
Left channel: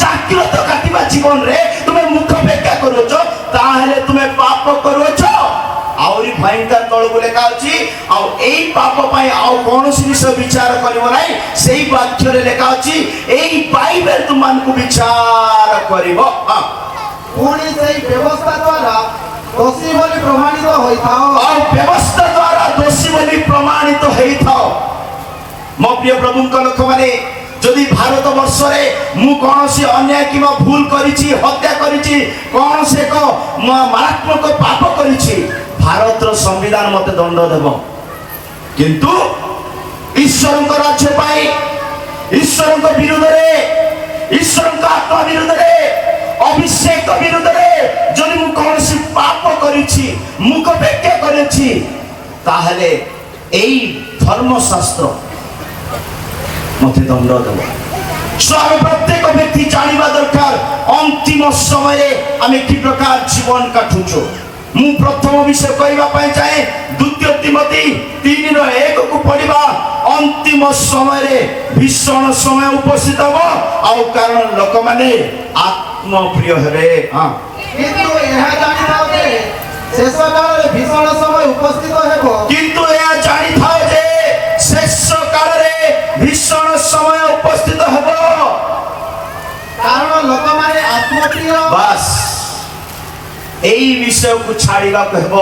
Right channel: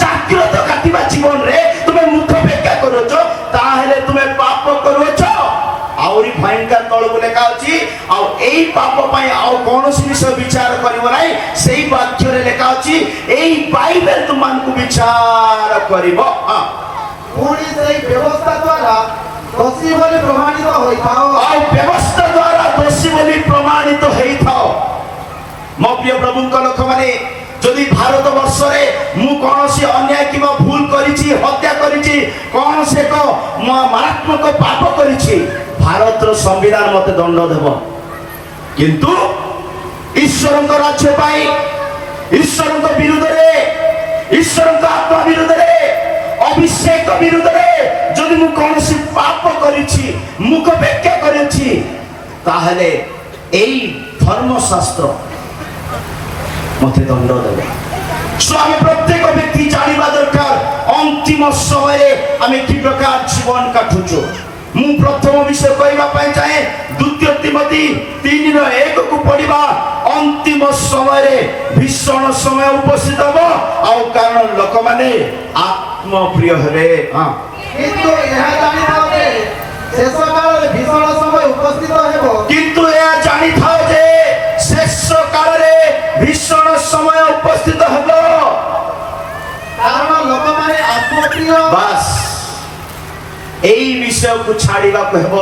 ଜାଗ୍ରତ କାଟିବା ଜୀବନରେ ତୁମେ ମୁଖ ବେକ୍ୟା କରୁଅଛ, ତାହେଲେ ତୁମେ ପାପ କରୁଅଛ। ଆହୁରି ଭୟଙ୍କର ତଳକୁ ଲେଖା ଅଛି, ଆଉ ଏଇ ପାପ ପାଇଁ ଆଉ କୌଣସି ବିଷୟ ବିଚାର କରିବ ନାହିଁ। ସେଇ ବାକ୍ୟରେ ଲେଖା ଅଛି, ଏଇ ବାଇବେଲ ତୁମମାନଙ୍କୁ ବିଚାର କରିବ। ପୁଣି ସେଇ ବ୍ୟବସ୍ଥା ଦ୍ୱାରା ଦୋଷୀ ବୋଲି ପ୍ରମାଣିତ ହୋଇଥାଅ। ଆଉ ବ୍ୟବସ୍ଥା ଦ୍ୱାରା ଦୋଷୀ ବୋଲି ପ୍ରମାଣିତ ହେଇଥାଅ। ମୋ ପ୍ରିୟ ପ୍ରଭୁଙ୍କ ଲୋକମାନେ, ଯଦି ଭାରତ ବର୍ଷରେ ମୁଁ କୌଣସି ଅନ୍ୟାୟ କିମ୍ବା ଭୁଲ କରିଛି, ହତ୍ୟା କରିଛି, କୌଣସି ଏକ ମାରାତ୍ମକ ପାପ କରିଛି, ଭାରତର ସମ୍ବିଧାନ ମତେ ଦଣ୍ଡ ଦେବ। କିନ୍ତୁ ଈଶ୍ୱରଙ୍କ ରାଜ୍ୟ ପାଇଁ, ଈଶ୍ୱରଙ୍କ ବିରୁଦ୍ଧରେ, ଈଶ୍ୱରଙ୍କ ଆତ୍ମା ବିରୁଦ୍ଧରେ, ଅଭିଷେକ ବିରୁଦ୍ଧରେ ଯଦି ମୁଁ କୌଣସି ପାପ କରିଛି, ମୁଖ ବେକ୍ୟା କରିଛି, ତାହେଲେ ଏଇ ଧର୍ମଶାସ୍ତ୍ର ମତେ ଦଣ୍ଡ ଦେବ। ଆମେ ପ୍ରତ୍ୟେକ ବ୍ୟକ୍ତି ଜାଣିବା ଦରକାର ଅନ୍ତିମ ସମୟରେ ଆମେ କି ପ୍ରକାର ଜୀବନ କାଟୁଛୁ। ମୁଁ ପ୍ରଥମ ବିଷୟ କହିବା ପାଇଁ ଚାହେଁ, 2 ତିମୋଥୀ 3:1 ପଢିବା। ଅନ୍ତିମ ସମୟରେ ଭୀଷଣ ସମୟ ଉପସ୍ଥିତ ହେବ, ଆଉ କାରଣ ଲୋକମାନେ ଆତ୍ମପ୍ରିୟ ହେବେ। କିନ୍ତୁ ଏହା ଜାଣିଥାଅ ଯେ ଶେଷ କାଳରେ ଭୀଷଣ ସମୟ ଉପସ୍ଥିତ ହେବ। କିନ୍ତୁ ଏହା ଜାଣିଥାଅ ଯେ ଶେଷ କାଳରେ ଭୀଷଣ ସମୟ ଉପସ୍ଥିତ ହେବ। କାରଣ ଲୋକମାନେ ଆତ୍ମପ୍ରିୟ। ବାସ୍, এই বিষয়କୁ ଛାଡ଼ିବାକୁ ହେବ।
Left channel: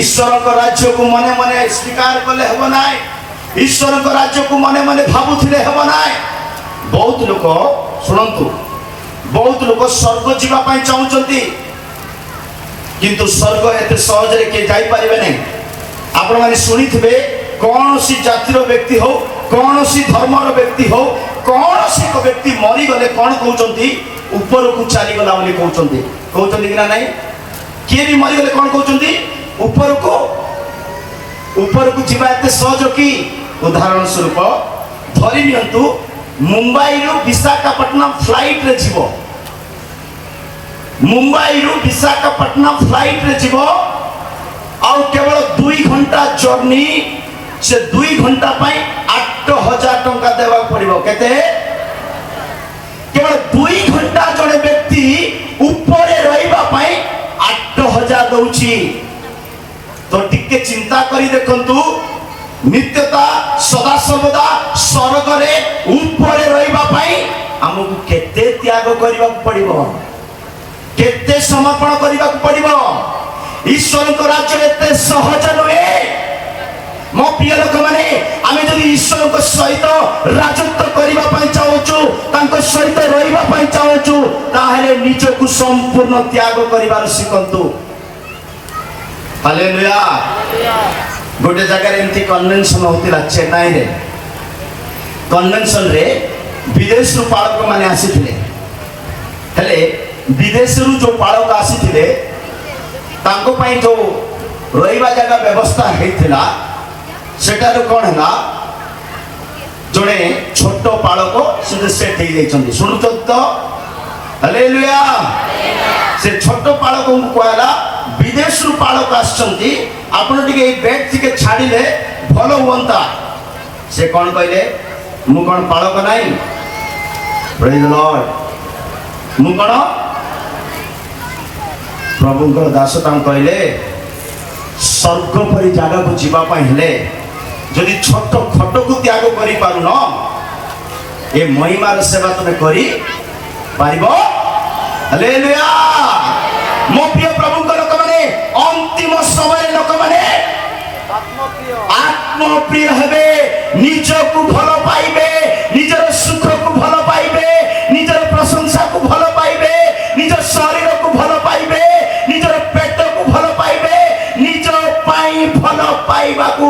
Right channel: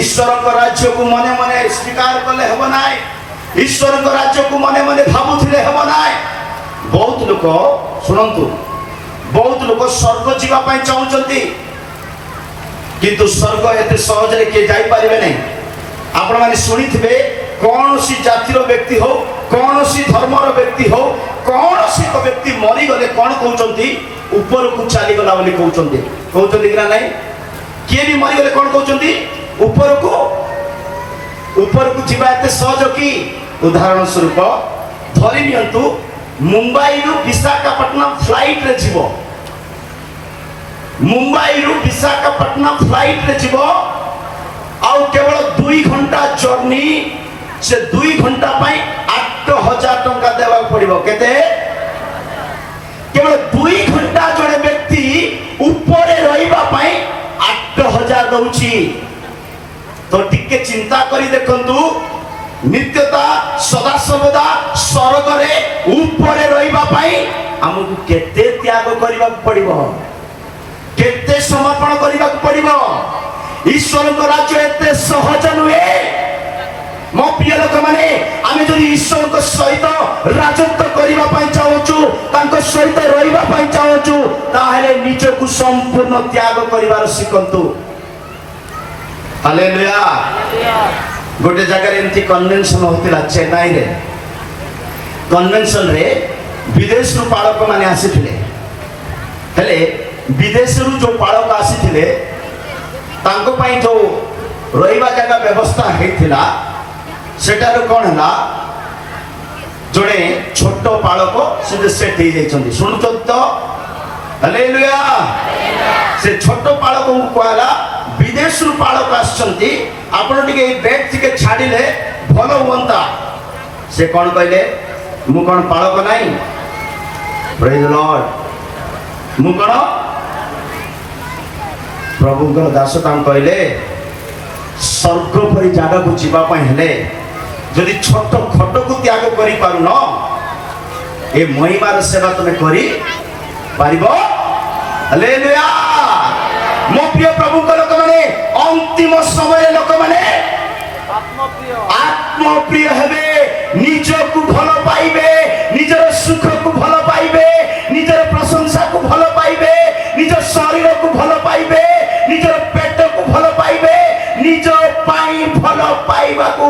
ଈଶ୍ୱରଙ୍କ ରାଜ୍ୟକୁ ମନେ ମନେ ସ୍ୱୀକାର କଲେ ହେବ ନାହିଁ। ଈଶ୍ୱରଙ୍କ ରାଜ୍ୟକୁ ମନେ ମନେ ଭାବୁଥିଲେ ହେବ ନାହିଁ। ବହୁତ ଲୋକ, ଶୁଣନ୍ତୁ, ବହୁତ ଲୋକ ସ୍ୱର୍ଗ ଯିବା ପାଇଁ ଚାହୁଁଛନ୍ତି, কিন্তু ସ୍ୱର୍ଗ ଏତେ ସହଜରେ କିଏ ଯାଇପାରିବେ ନାହିଁ। ଆପଣମାନେ ଶୁଣିଥିବେ କୌଣସି ଜାତିର ବ୍ୟକ୍ତି ହଉ, କୌଣସି ଧର୍ମର ବ୍ୟକ୍ତି ହଉ, କୌଣସି ଏକ ବ୍ୟକ୍ତି ମରିଗଲେ କ'ଣ କହୁଛନ୍ତି? ଉପରକୁ ଚାଲିଗଲା ବୋଲି କହୁଛନ୍ତି। କହୁଛନ୍ତି କି ନା ନାହିଁ? କିଏ ବି ମରିଗଲେ କ'ଣ କହୁଛନ୍ତି? ଉପରକୁ ଯିବା ଏତେ ସହଜ କି? ଉଦାହରଣ ସ୍ୱରୂପ ଧରି ନିଅନ୍ତୁ, ମୁମ୍ବାଇରୁ ବିଶାଖାପଟ୍ଟନମ ଫ୍ଲାଇଟରେ ଯିବ, ମୁମ୍ବାଇରୁ ବିଶାଖାପଟ୍ଟନମ ଫ୍ଲାଇଟରେ ଯିବ, ଆଉ କେବଳ 2 ଘଣ୍ଟା ଜର୍ଣ୍ଣି, ସେ 2 ଘଣ୍ଟା ପାଇଁ 8,000 ଟଙ୍କା ଦେବାକୁ ପଡିବ। କେତେ? କେବଳ 2 ଘଣ୍ଟା ଜଣେ ବ୍ୟକ୍ତି ଉପରେ ରହିବା ପାଇଁ 8,000 ଦଉଛି। ତ ଟିକେ ଚିନ୍ତା କରି ଦେଖନ୍ତୁ, ନିତ୍ୟତା ସଦାସର୍ବଦା ସ୍ୱର୍ଗରେ ଉପରେ ରହିବା ପାଇଁ ଆମକୁ କେତେ ତ୍ୟାଗ କରିବାକୁ ପଡିବ, କେତେ ସମର୍ପଣ କରିବାକୁ ପଡିବ। ଈଶ୍ୱରଙ୍କ ରାଜ୍ୟ ଏତେ ସହଜ ନୁହେଁ। ମୋ ପ୍ରିୟ ଲୋକମାନେ, ଆମେ ଯଦି ଈଶ୍ୱରଙ୍କ ସହିତ ରାଜତ୍ୱ କରିବା ପାଇଁ ଚାହୁଁଛୁ, ତାଙ୍କ ସହିତ ରହିବା ପାଇଁ ଚାହୁଁଛୁ, ତାହେଲେ ନିଜକୁ ସମ୍ପୂର୍ଣ୍ଣ ତ୍ୟାଗ କରିବାର ଶିଖନ୍ତୁ। ହାଲେଲୁୟା। ଗୋଟେ ଜାଗାରେ ଏମିତି କନଭେନସନ ହଉଥିଲା ଚେନ୍ନାଇରେ। କନଭେନସନରେ ବିଦେଶରୁ ପାଳକ ମାନେ ଆସିଥିଲେ। ହେଲେ ବିଦେଶରୁ ଯୋଉ ପାଳକ ଆସିଥିଲେ, ତାଙ୍କ ପାଇଁ ଯୋଉ ରହିବା ଜାଗା ବ୍ୟବସ୍ଥା ହେଇଥିଲା, ସେଟାରୁ କ'ଣ ହେଲା, ଜଣେ ଛୋଟ ପାଳକ ସେଠି ସେଟ୍ ହେଇଯାଇଛନ୍ତି। ଶୁଣୁଛନ୍ତି ତ? ହାଲେଲୁୟା। ସେ ଛୋଟ ପାଳକଙ୍କୁ କୁହାଗଲା, ବିଦେଶରୁ ପାଳକ ଆସିଛନ୍ତି, ଆପଣ ଟିକେ ଏଇ ବେଡ୍ ଟିକେ ଛାଡ଼ିଲେ ଭଲ ହୁଅନ୍ତା। ସେ କ'ଣ କହିଲେ? ମୁଁ କ'ଣ ପାଳକ ନାହିଁ? ପ୍ରେଜ୍ ଦ ଲର୍ଡ। ମୁଁ କ'ଣ ପ୍ରଭୁଙ୍କର ଦାସ? ତାଙ୍କୁ କହିଲେ, ସ୍ୱର୍ଗ ପରି ଜାଗାକୁ ଯିବା ପାଇଁ ହେଲେ ଯଦି ଛୋଟ ଖଟକୁ ତ୍ୟାଗ କରିପାରୁନ, ଏ ମହିମାର ସେବା ତମେ କରିପାରିବ? ହାଲେଲୁୟା। ମୋ ପ୍ରିୟ ପ୍ରଭୁଙ୍କ ଲୋକମାନେ, ଅନ୍ତିମ ସମୟରେ ଲୋକମାନେ ଆତ୍ମପ୍ରିୟ ହେବେ, ନିଜକୁ ଭଲ ପାଇବେ, ନିଜର ସୁଖକୁ ଭଲ ପାଇବେ, ନିଜର ପ୍ରଶଂସାକୁ ଭଲ ପାଇବେ, ନିଜ ଶରୀରକୁ ଭଲ ପାଇବେ, ନିଜର ପେଟକୁ ଭଲ ପାଇବେ, ନିଜ ପାଇଁ ଭଲ ପାଇବାକୁ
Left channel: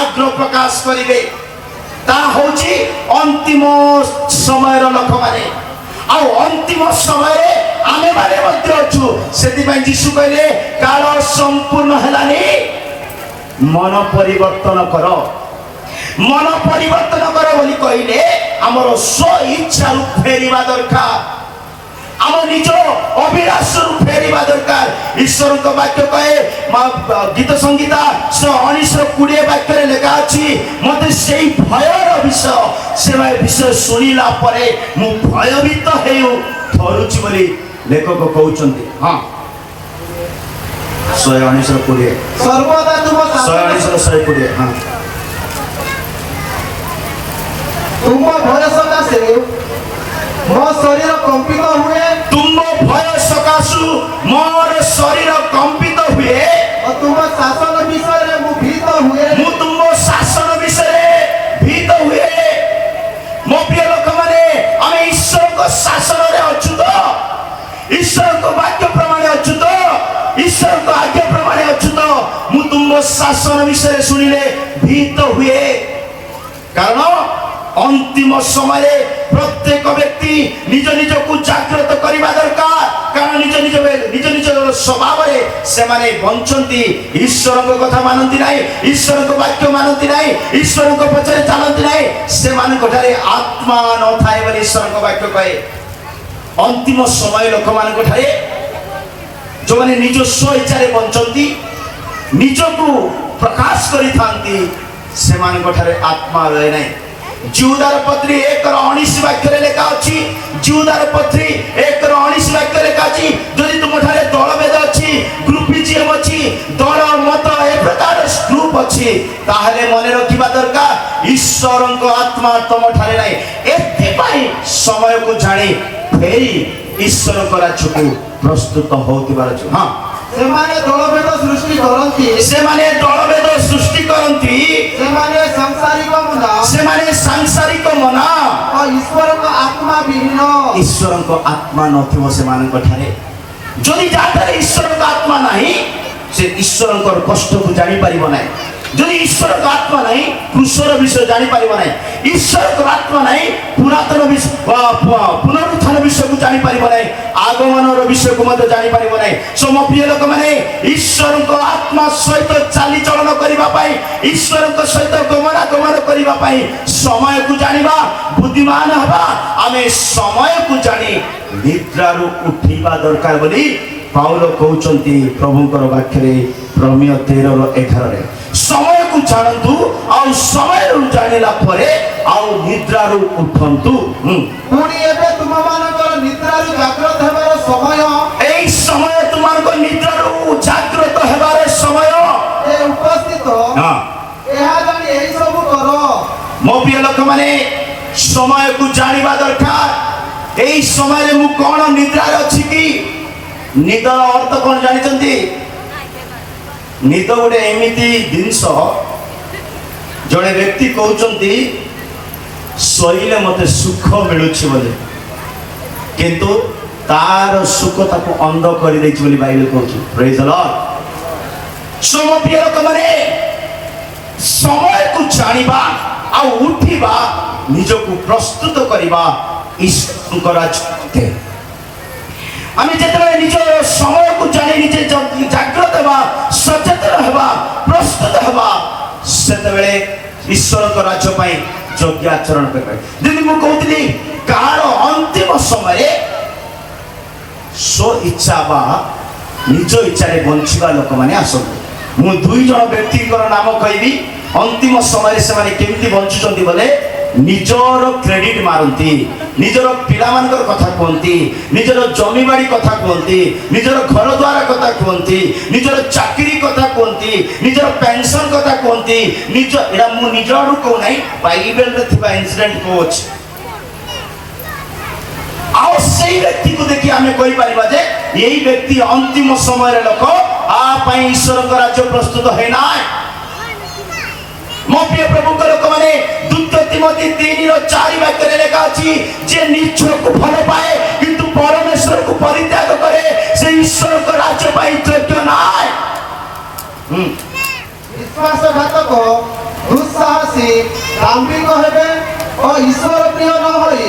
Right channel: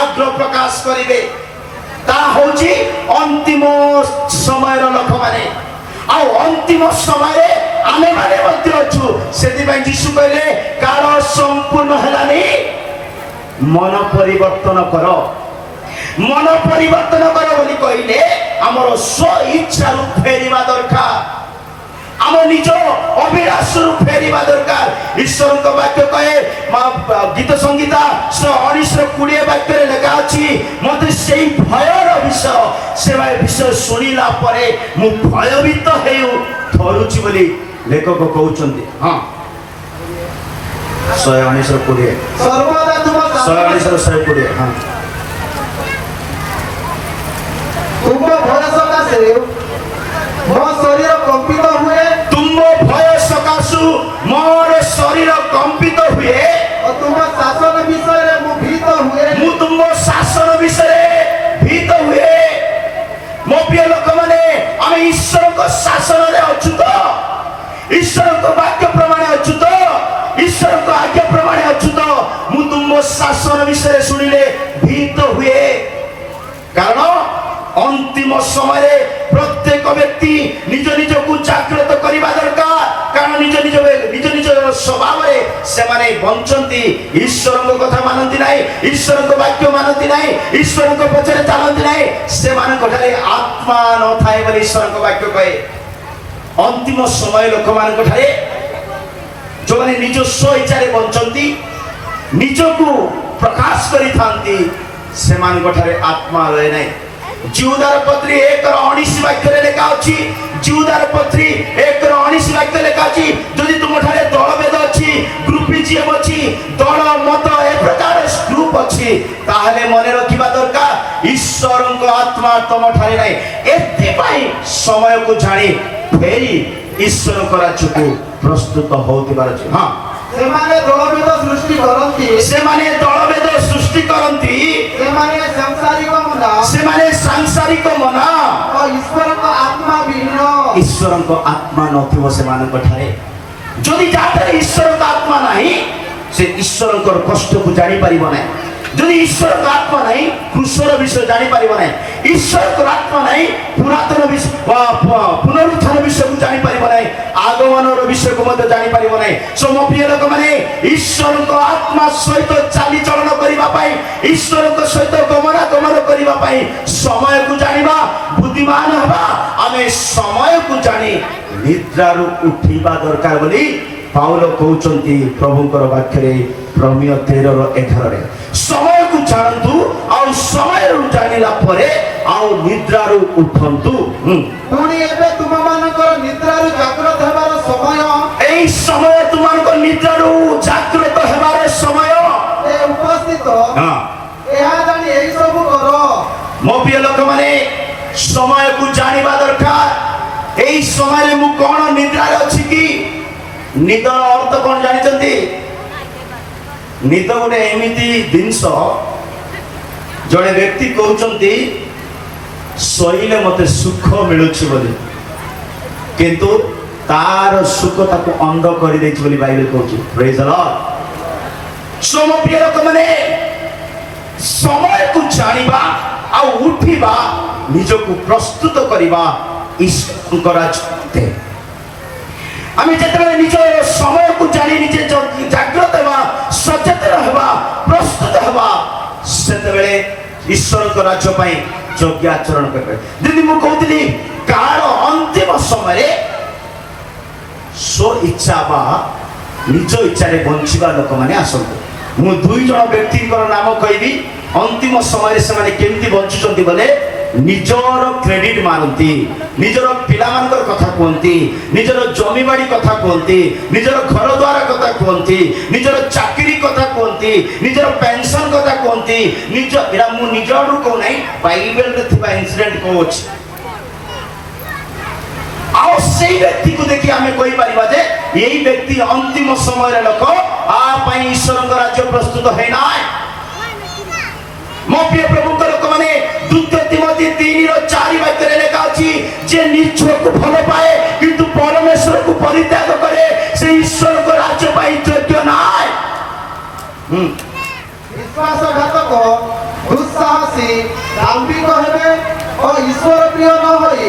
ଆଗ୍ରହ ପ୍ରକାଶ କରିବେ। ତା ହଉଛି ଅନ୍ତିମ ସମୟର ଲୋକମାନେ। ଆଉ ଅନ୍ତିମ ସମୟରେ ଆମେ ମାନେ ମଧ୍ୟ ଅଛୁ। ସେଥିପାଇଁ ଯୀଶୁ କହିଲେ, କାଳ ସମ୍ପୂର୍ଣ୍ଣ ହେଲାନି, ମନ ପରିବର୍ତ୍ତନ କର, ମନ ପରିବର୍ତ୍ତନ କର ବୋଲି କହିଲେ ଆମର ସ୍ୱ ଇଚ୍ଛାରୁ ଫେରିବା ଦରକାର, ଆମ ନିଜ ଅଭିଳାଷରୁ ଫେରିବା ଦରକାର। ଈଶ୍ୱରଙ୍କ ବାକ୍ୟ କହେ, ଗୀତ ସଂଗୀତା 19:20 ବାକ୍ୟରେ ଲେଖା ଅଛି, ମତେ ସେଇ ଭୟର ବିଷୟ ଶୁଣିଲା ପରେ ମୁଁ ଭୟଭୀତ ହେଇ ଥରୁଛି ବୋଲି ଲେଖକ କହୁଛନ୍ତି। ହଁ, 19:20 ସର୍ବଦା ତୁମ 19:20। ହଁ, ତୁମ ଭୟ ସକାଶେ ମୋ ଶରୀର କମ୍ପିତ ହୁଏ, ତୁମ ଭୟ ସକାଶୁ ମୋର ଶରୀର କମ୍ପିତ ହୁଏ, ତୁମ ଶାସନ ବିଷୟରେ ମୁଁ ଭୀତ ହୁଏ, ମୁଁ ତୁମ ଶାସନ ବିଷୟରେ ଭୀତ ହୁଏ। ମୋ ପ୍ରିୟ ଲୋକମାନେ, ଆମେ ଈଶ୍ୱରଙ୍କ ଶାସନରେ ଅଛୁ ତ? ଈଶ୍ୱରଙ୍କ ବାକ୍ୟ ପ୍ରମାଣରେ ଅଛୁ ତ? ଈଶ୍ୱରଙ୍କ ଆଜ୍ଞା ପ୍ରମାଣରେ ଅଛୁ ତ? ମୁଁ ତୁମ ଶାସନ ବିଷୟରେ ଶୁଣିଲେ ଭୀତ ହୁଏ। କାରଣ ଅନ୍ତିମ ସମୟରେ ପ୍ରତ୍ୟେକ ବ୍ୟକ୍ତି ନିଜ ନିଜକୁ ଜାଗ୍ରତ କରିବା ଦରକାର। କାରଣ ନିଜ ନିଜ ସ୍ୱଭାବରେ ସେମାନେ ବଞ୍ଚନ୍ତି, ଈଶ୍ୱରଙ୍କ କଥା ମାନନ୍ତି ନାହିଁ, ଈଶ୍ୱରଙ୍କ ବାକ୍ୟ ମାନନ୍ତି ନାହିଁ, ଈଶ୍ୱରଙ୍କ ପଛରେ ଚାଲନ୍ତି ନାହିଁ। ସେମାନଙ୍କ ଠାରେ ଆତ୍ମା ନଥାଏ ବୋଲି ଈଶ୍ୱରଙ୍କ ବାକ୍ୟ କହେ। ଅନ୍ତିମ ସମୟ ଲୋକମାନଙ୍କ ଠାରେ ଯେଉଁମାନେ ନିଜ ସ୍ୱ ଇଚ୍ଛାରେ ବଞ୍ଚନ୍ତି, ନିଜକୁ ପ୍ରକାଶ କରିଥାନ୍ତି, ସେମାନଙ୍କ ଠାରେ ଆତ୍ମା ରହେ ନାହିଁ। ଜିହୁଦାର ପତ୍ରୀ 1:19 ବାକ୍ୟରେ ଲେଖା ଅଛି, ଜିହୁଦାର ପତ୍ରୀ 1:19 ବାକ୍ୟରେ ଲେଖା ଅଛି, ଯଦି ତୁମ ଠାରେ ଦଳଭେଦ ଅଛି, ଗ୍ରୁପିଜିମ୍ ଅଛି, ଦଳ ମତ ଏ ପ୍ରକାର ଗ୍ରୁପ ଅଛି, ତାହେଲେ ମନେ ରଖିବା ଦରକାର ଈଶ୍ୱରଙ୍କ ଆତ୍ମା ତମ ଠାରେ ନାହିଁ। ଏଥିପାଇଁ ସମୟକୁ ଜାଣି ଫେରି ଈଶ୍ୱରଙ୍କ ରାଜ୍ୟକୁ ପ୍ରସ୍ତୁତ ହେଉଥିବାର ଅଛି। ହଁ, ସେମାନେ ଦଳଭେଦ ସୃଷ୍ଟି କରନ୍ତି, ସେମାନେ ଦଳଭେଦ ସୃଷ୍ଟି କରନ୍ତି, ସେମାନେ ସାଂସାରିକ ମନା, ସେମାନେ ସାଂସାରିକ ମନା, ଈଶ୍ୱରଙ୍କ ଆତ୍ମା ବିହୀନ। ଈଶ୍ୱରଙ୍କ ଆତ୍ମା ନଥିବ ସେମାନଙ୍କ ଠାରେ। যদি যাদের ঈশ্বরଙ୍କ আত্মা ନାହିଁ ସେ ଈଶ୍ୱରଙ୍କର କଷ୍ଟକୁ ଜାଣିପାରିବ ନାହିଁ। ଯଦି ଈଶ୍ୱରଙ୍କ ଆତ୍ମା ନାହିଁ କୃଷର ବିଷୟ ଜାଣିପାରିବ ନାହିଁ। ଈଶ୍ୱରଙ୍କର ଆତ୍ମା ନାହିଁ ପୁରାତନ ବିଷୟ ପୁନରୁତ୍ଥାନ ବିଷୟକୁ ଜାଣିପାରିବ ନାହିଁ। আগমনର ବିଷୟକୁ ମଧ୍ୟ ଜାଣିପାରିବ ନାହିଁ। ମୋ ପ୍ରିୟ ଲୋକମାନେ ଈଶ୍ୱରଙ୍କ ଆତ୍ମା ସହିତ ଚାଲିଚଳନ କରିବା ପାଇଁ ଈଶ୍ୱରଙ୍କ ସହିତ ଗମନାଗମନ କରିବା ପାଇଁ ସମୟକୁ ଜାଣିବା ବୁଦ୍ଧିମାନ ହେବା ଆମେ ସମୟକୁ ଜାଣି ନିଦ୍ରାରୁ ଉଠିବା ଦରକାର ବୋଲି ପାଉଲ କହୁଛନ୍ତି ପ୍ରଭୁଙ୍କର ବାକ୍ୟରେ ରୋମିଓ 13:11 ସମୟକୁ ଜାଣନ୍ତୁ ଆଉ ସମୟରୁ ଜାଣିଲା ପରେ ଆଉ ନିଦ୍ରାରୁ ଉଠନ୍ତୁ। ପୁଣି ଏବେ ତୁମମାନଙ୍କର ନିଦ୍ରାରୁ ଜାଗ୍ରତ ହେବାର ସମୟ এই সময় তোমাଙ୍କ ନିଦ୍ରାରୁ ଜାଗ୍ରତ ହେବାର ସମୟ ଉପସ୍ଥିତ ଏହା ଜାଣି ଏହି ସବୁ କର। ମୋ ପ୍ରିୟ ଲୋକମାନେ ସମୟକୁ ଜାଣିବା ଦରକାର। এই ସମୟରେ ମୁଁ କଣ ନିଦ୍ରାରେ ଅଛି କି? ନିଦ ଅର୍ଥ କଣ ଜାଣିଛନ୍ତି? ନିଦ ଗୋଟେ ଏମିତି ଜିନିଷ ଜଣେ ବ୍ୟକ୍ତି କହୁଛନ୍ତି ଶୋଇଲେ ମତେ ସୁଖ ମିଳୁଛି ବୋଲି କିନ୍ତୁ ତାର ସୁଖ ତାକୁ ଅନ୍ଧ କରିଦେଇଛି ବୋଲି ବାଇବେଲ କହୁଛି। ପ୍ରେଜ ଦ ଲର୍ଡ। ମୋ ପ୍ରିୟ ଲୋକମାନେ ସମୟକୁ ଜାଣିବା ଆଉ ଉଠିବା ନିଜକୁ ପ୍ରସ୍ତୁତ କରିବା ଈଶ୍ୱରଙ୍କର ରାଜ୍ୟ। ଆମେ ଯେତେବେଳେ ନିଜ ସମୟକୁ ଜାଣି ନିଜେ ଜାଗ୍ରତ ହେବା ସଚେତନ ହେବା ପ୍ରସ୍ତୁତ ହେବା ସେତେବେଳେ ଈଶ୍ୱରଙ୍କ ରାଜ୍ୟ ପାଇଁ ଯୋଗ୍ୟ ଆଚରଣ କରିବା। ଦିଦି ମୁଁ କହୁଥିଲି କାଳ ଅନ୍ତିମ ସମୟରେ ସ୍ୱ ଇଚ୍ଛା ବା ନିଜ ଇଚ୍ଛାରେ ବଞ୍ଚିବା ଲୋକମାନେ ଆସନ୍ତି। ମୁଁ ଦୁଇ ଜଣ ବ୍ୟକ୍ତିଙ୍କର ନାମ କହିବି। ଅନ୍ତିମ ସମୟରେ ସେମାନେ କେମିତି ବଞ୍ଚୁଛନ୍ତି ବୋଲେ ନିଜର କ୍ରେଡିଟ ମାରନ୍ତି, ନିଜର ପିଲାମାନଙ୍କର କଥା କୁହନ୍ତି, ନିଜର ଜମିବାଡ଼ି କଥା କୁହନ୍ତି, ନିଜର ଘର ଦ୍ୱାର କଥା କୁହନ୍ତି, ନିଜର ଚାକିରି କଥା କୁହନ୍ତି, ନିଜର ପେନସନ କଥା କୁହନ୍ତି। ନିଜ ଏଇଟା ମୁଁ ନିଜ ଆଡୁ କହୁନାହିଁ ବାଇବେଲରେ ଥିବା ଇନସିଡେଣ୍ଟ କହୁଛି। ଆଉ ସେଇ ବ୍ୟକ୍ତିକୁ ଦେଖି ଆମେ କହିପାରିବା ଯେ ଏଇ ବ୍ୟକ୍ତି ଅନ୍ତିମ ସମୟରେ ଲୋକ ଆ ପାଇଁ ଈଶ୍ୱରଙ୍କ ରାଜ୍ୟ ପ୍ରସ୍ତୁତ ହୋଇନାହିଁ। ମୋ ପ୍ରିୟ ପ୍ରଭୁଙ୍କ ଲୋକମାନେ ଦ୍ୱିତୀୟ ତିମୋଥୀ 3:4 ବାକ୍ୟରେ ଲେଖା ଅଛି ଯେ ନିଜକୁ ଭଲ ପାଏ କିନ୍ତୁ ପରମେଶ୍ୱରକୁ ପରିତ୍ୟାଗ କରେ ସେ ଈଶ୍ୱରଙ୍କ ରାଜ୍ୟ ପାଇଁ ଯୋଗ୍ୟ ନାହିଁ। ବିଶ୍ୱାସଘାତକ ଦୁଃସାହସୀ ଦାମ୍ଭିକ ହେବେ ଓ ଈଶ୍ୱର ପ୍ରିୟ ନ ହୋଇ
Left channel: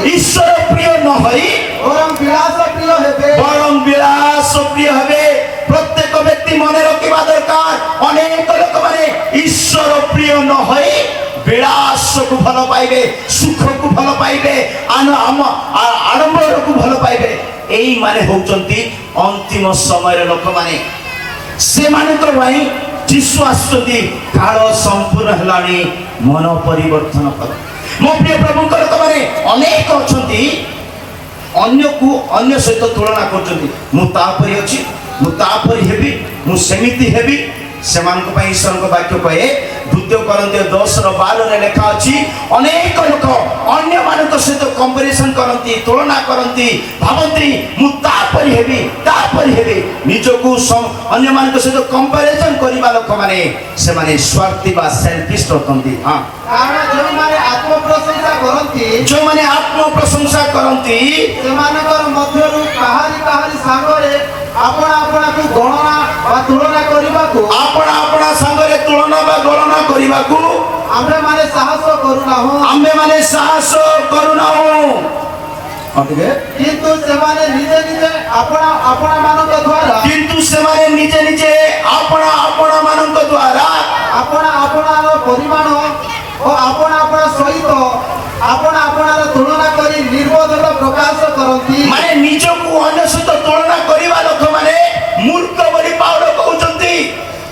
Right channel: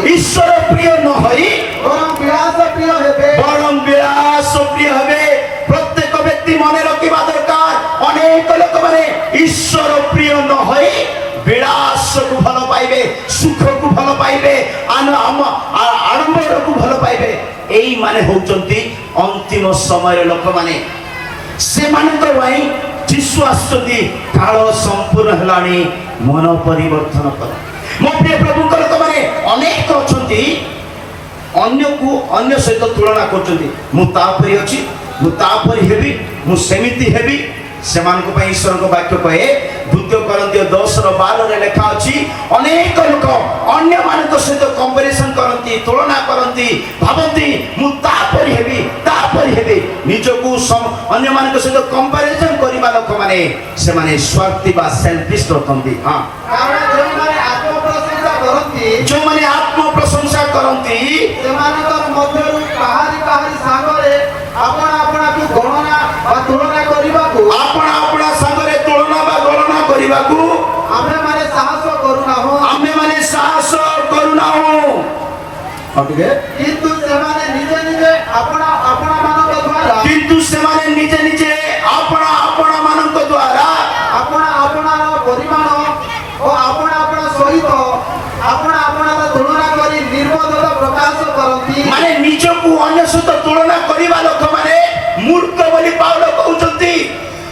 ବରଂ ବିଳାସ ପ୍ରିୟ ହେବେ। ପ୍ରତ୍ୟେକ ବ୍ୟକ୍ତି ମନେ ରଖିବା ଦରକାର ଅନେକ ଲୋକମାନେ ଈଶ୍ୱର ପ୍ରିୟ ନ ହୋଇ ବିଳାସକୁ ଭଲ ପାଇବେ, ସୁଖକୁ ଭଲ ପାଇବେ, ଆଡମ୍ବରକୁ ଭଲ ପାଇବେ। ଏଇମାନେ ହଉଛନ୍ତି ଅନ୍ତିମ ସମୟର ଲୋକମାନେ। ସେମାନଙ୍କ ପାଇଁ ଯୀଶୁ ଆସୁଛନ୍ତି କାଳ ସମ୍ପୂର୍ଣ୍ଣ ହେଲାଣି ମନ ପରିବର୍ତ୍ତନ କର। ମୋ ପ୍ରିୟ ପ୍ରଭୁଙ୍କ ଲୋକମାନେ ଅନେକ ଅଛନ୍ତି ଅନ୍ୟକୁ ଅନ୍ୟ ସହିତ ତୁଳନା କରୁଛନ୍ତି। ମୁଁ ତାପରି ଅଛି, ମୁଁ ତାପରି ହେବି, ମୁଁ ସେମିତି ହେବି। ସେମାନଙ୍କ ପାଇଁ ଈଶ୍ୱରଙ୍କ ବାକ୍ୟ କହେ ଦ୍ୱିତୀୟ କରନ୍ଥୀୟ 10:12 ଲେଖା ଅଛି ଅନେକ ଲୋକ ଅନ୍ୟମାନଙ୍କ ସହିତ କମ୍ପାରିଜନ କରନ୍ତି, ତୁଳନା କରନ୍ତି, ଭାବନ୍ତି ମୁଁ ତାପରି ହେବି। ନିଜକୁ ଅନ୍ୟମାନଙ୍କ ସହିତ କମ୍ପାରିଜନ କରିବା ଲୋକମାନେ ସେମାନେ ସ୍ୱାର୍ଥୀ ବା ସେଲଫିଷ୍ଟ ଅଟନ୍ତି। ଯେଉଁମାନେ ଆତ୍ମପ୍ରଶଂସା କରନ୍ତି ସେମାନଙ୍କର ମଧ୍ୟରୁ କାହାରି ସାଙ୍ଗରେ ଆପଣାକୁ ଗଣନା ବା ତୁଳନା କରିବାକୁ ଆମେମାନେ ସାହସ କରୁନାହୁଁ। କିନ୍ତୁ ସେମାନେ ନିଜେ ନିଜେ ଆପଣାମାନଙ୍କ ଦ୍ୱାରା ଆପଣାର ପରିମାଣ ଓ ଆପଣା ସହିତ ଆପଣାର ତୁଳନା କରି ନିର୍ବୋଧର ପ୍ରକାଶ କରନ୍ତି। ମାନେ ନିଜକୁ ଅନ୍ୟ ସହିତ ତୁଳନା କରିବା ଲୋକମାନେ ମୂର୍ଖ ବୋଲି ପାଉଲ କହୁଛନ୍ତି।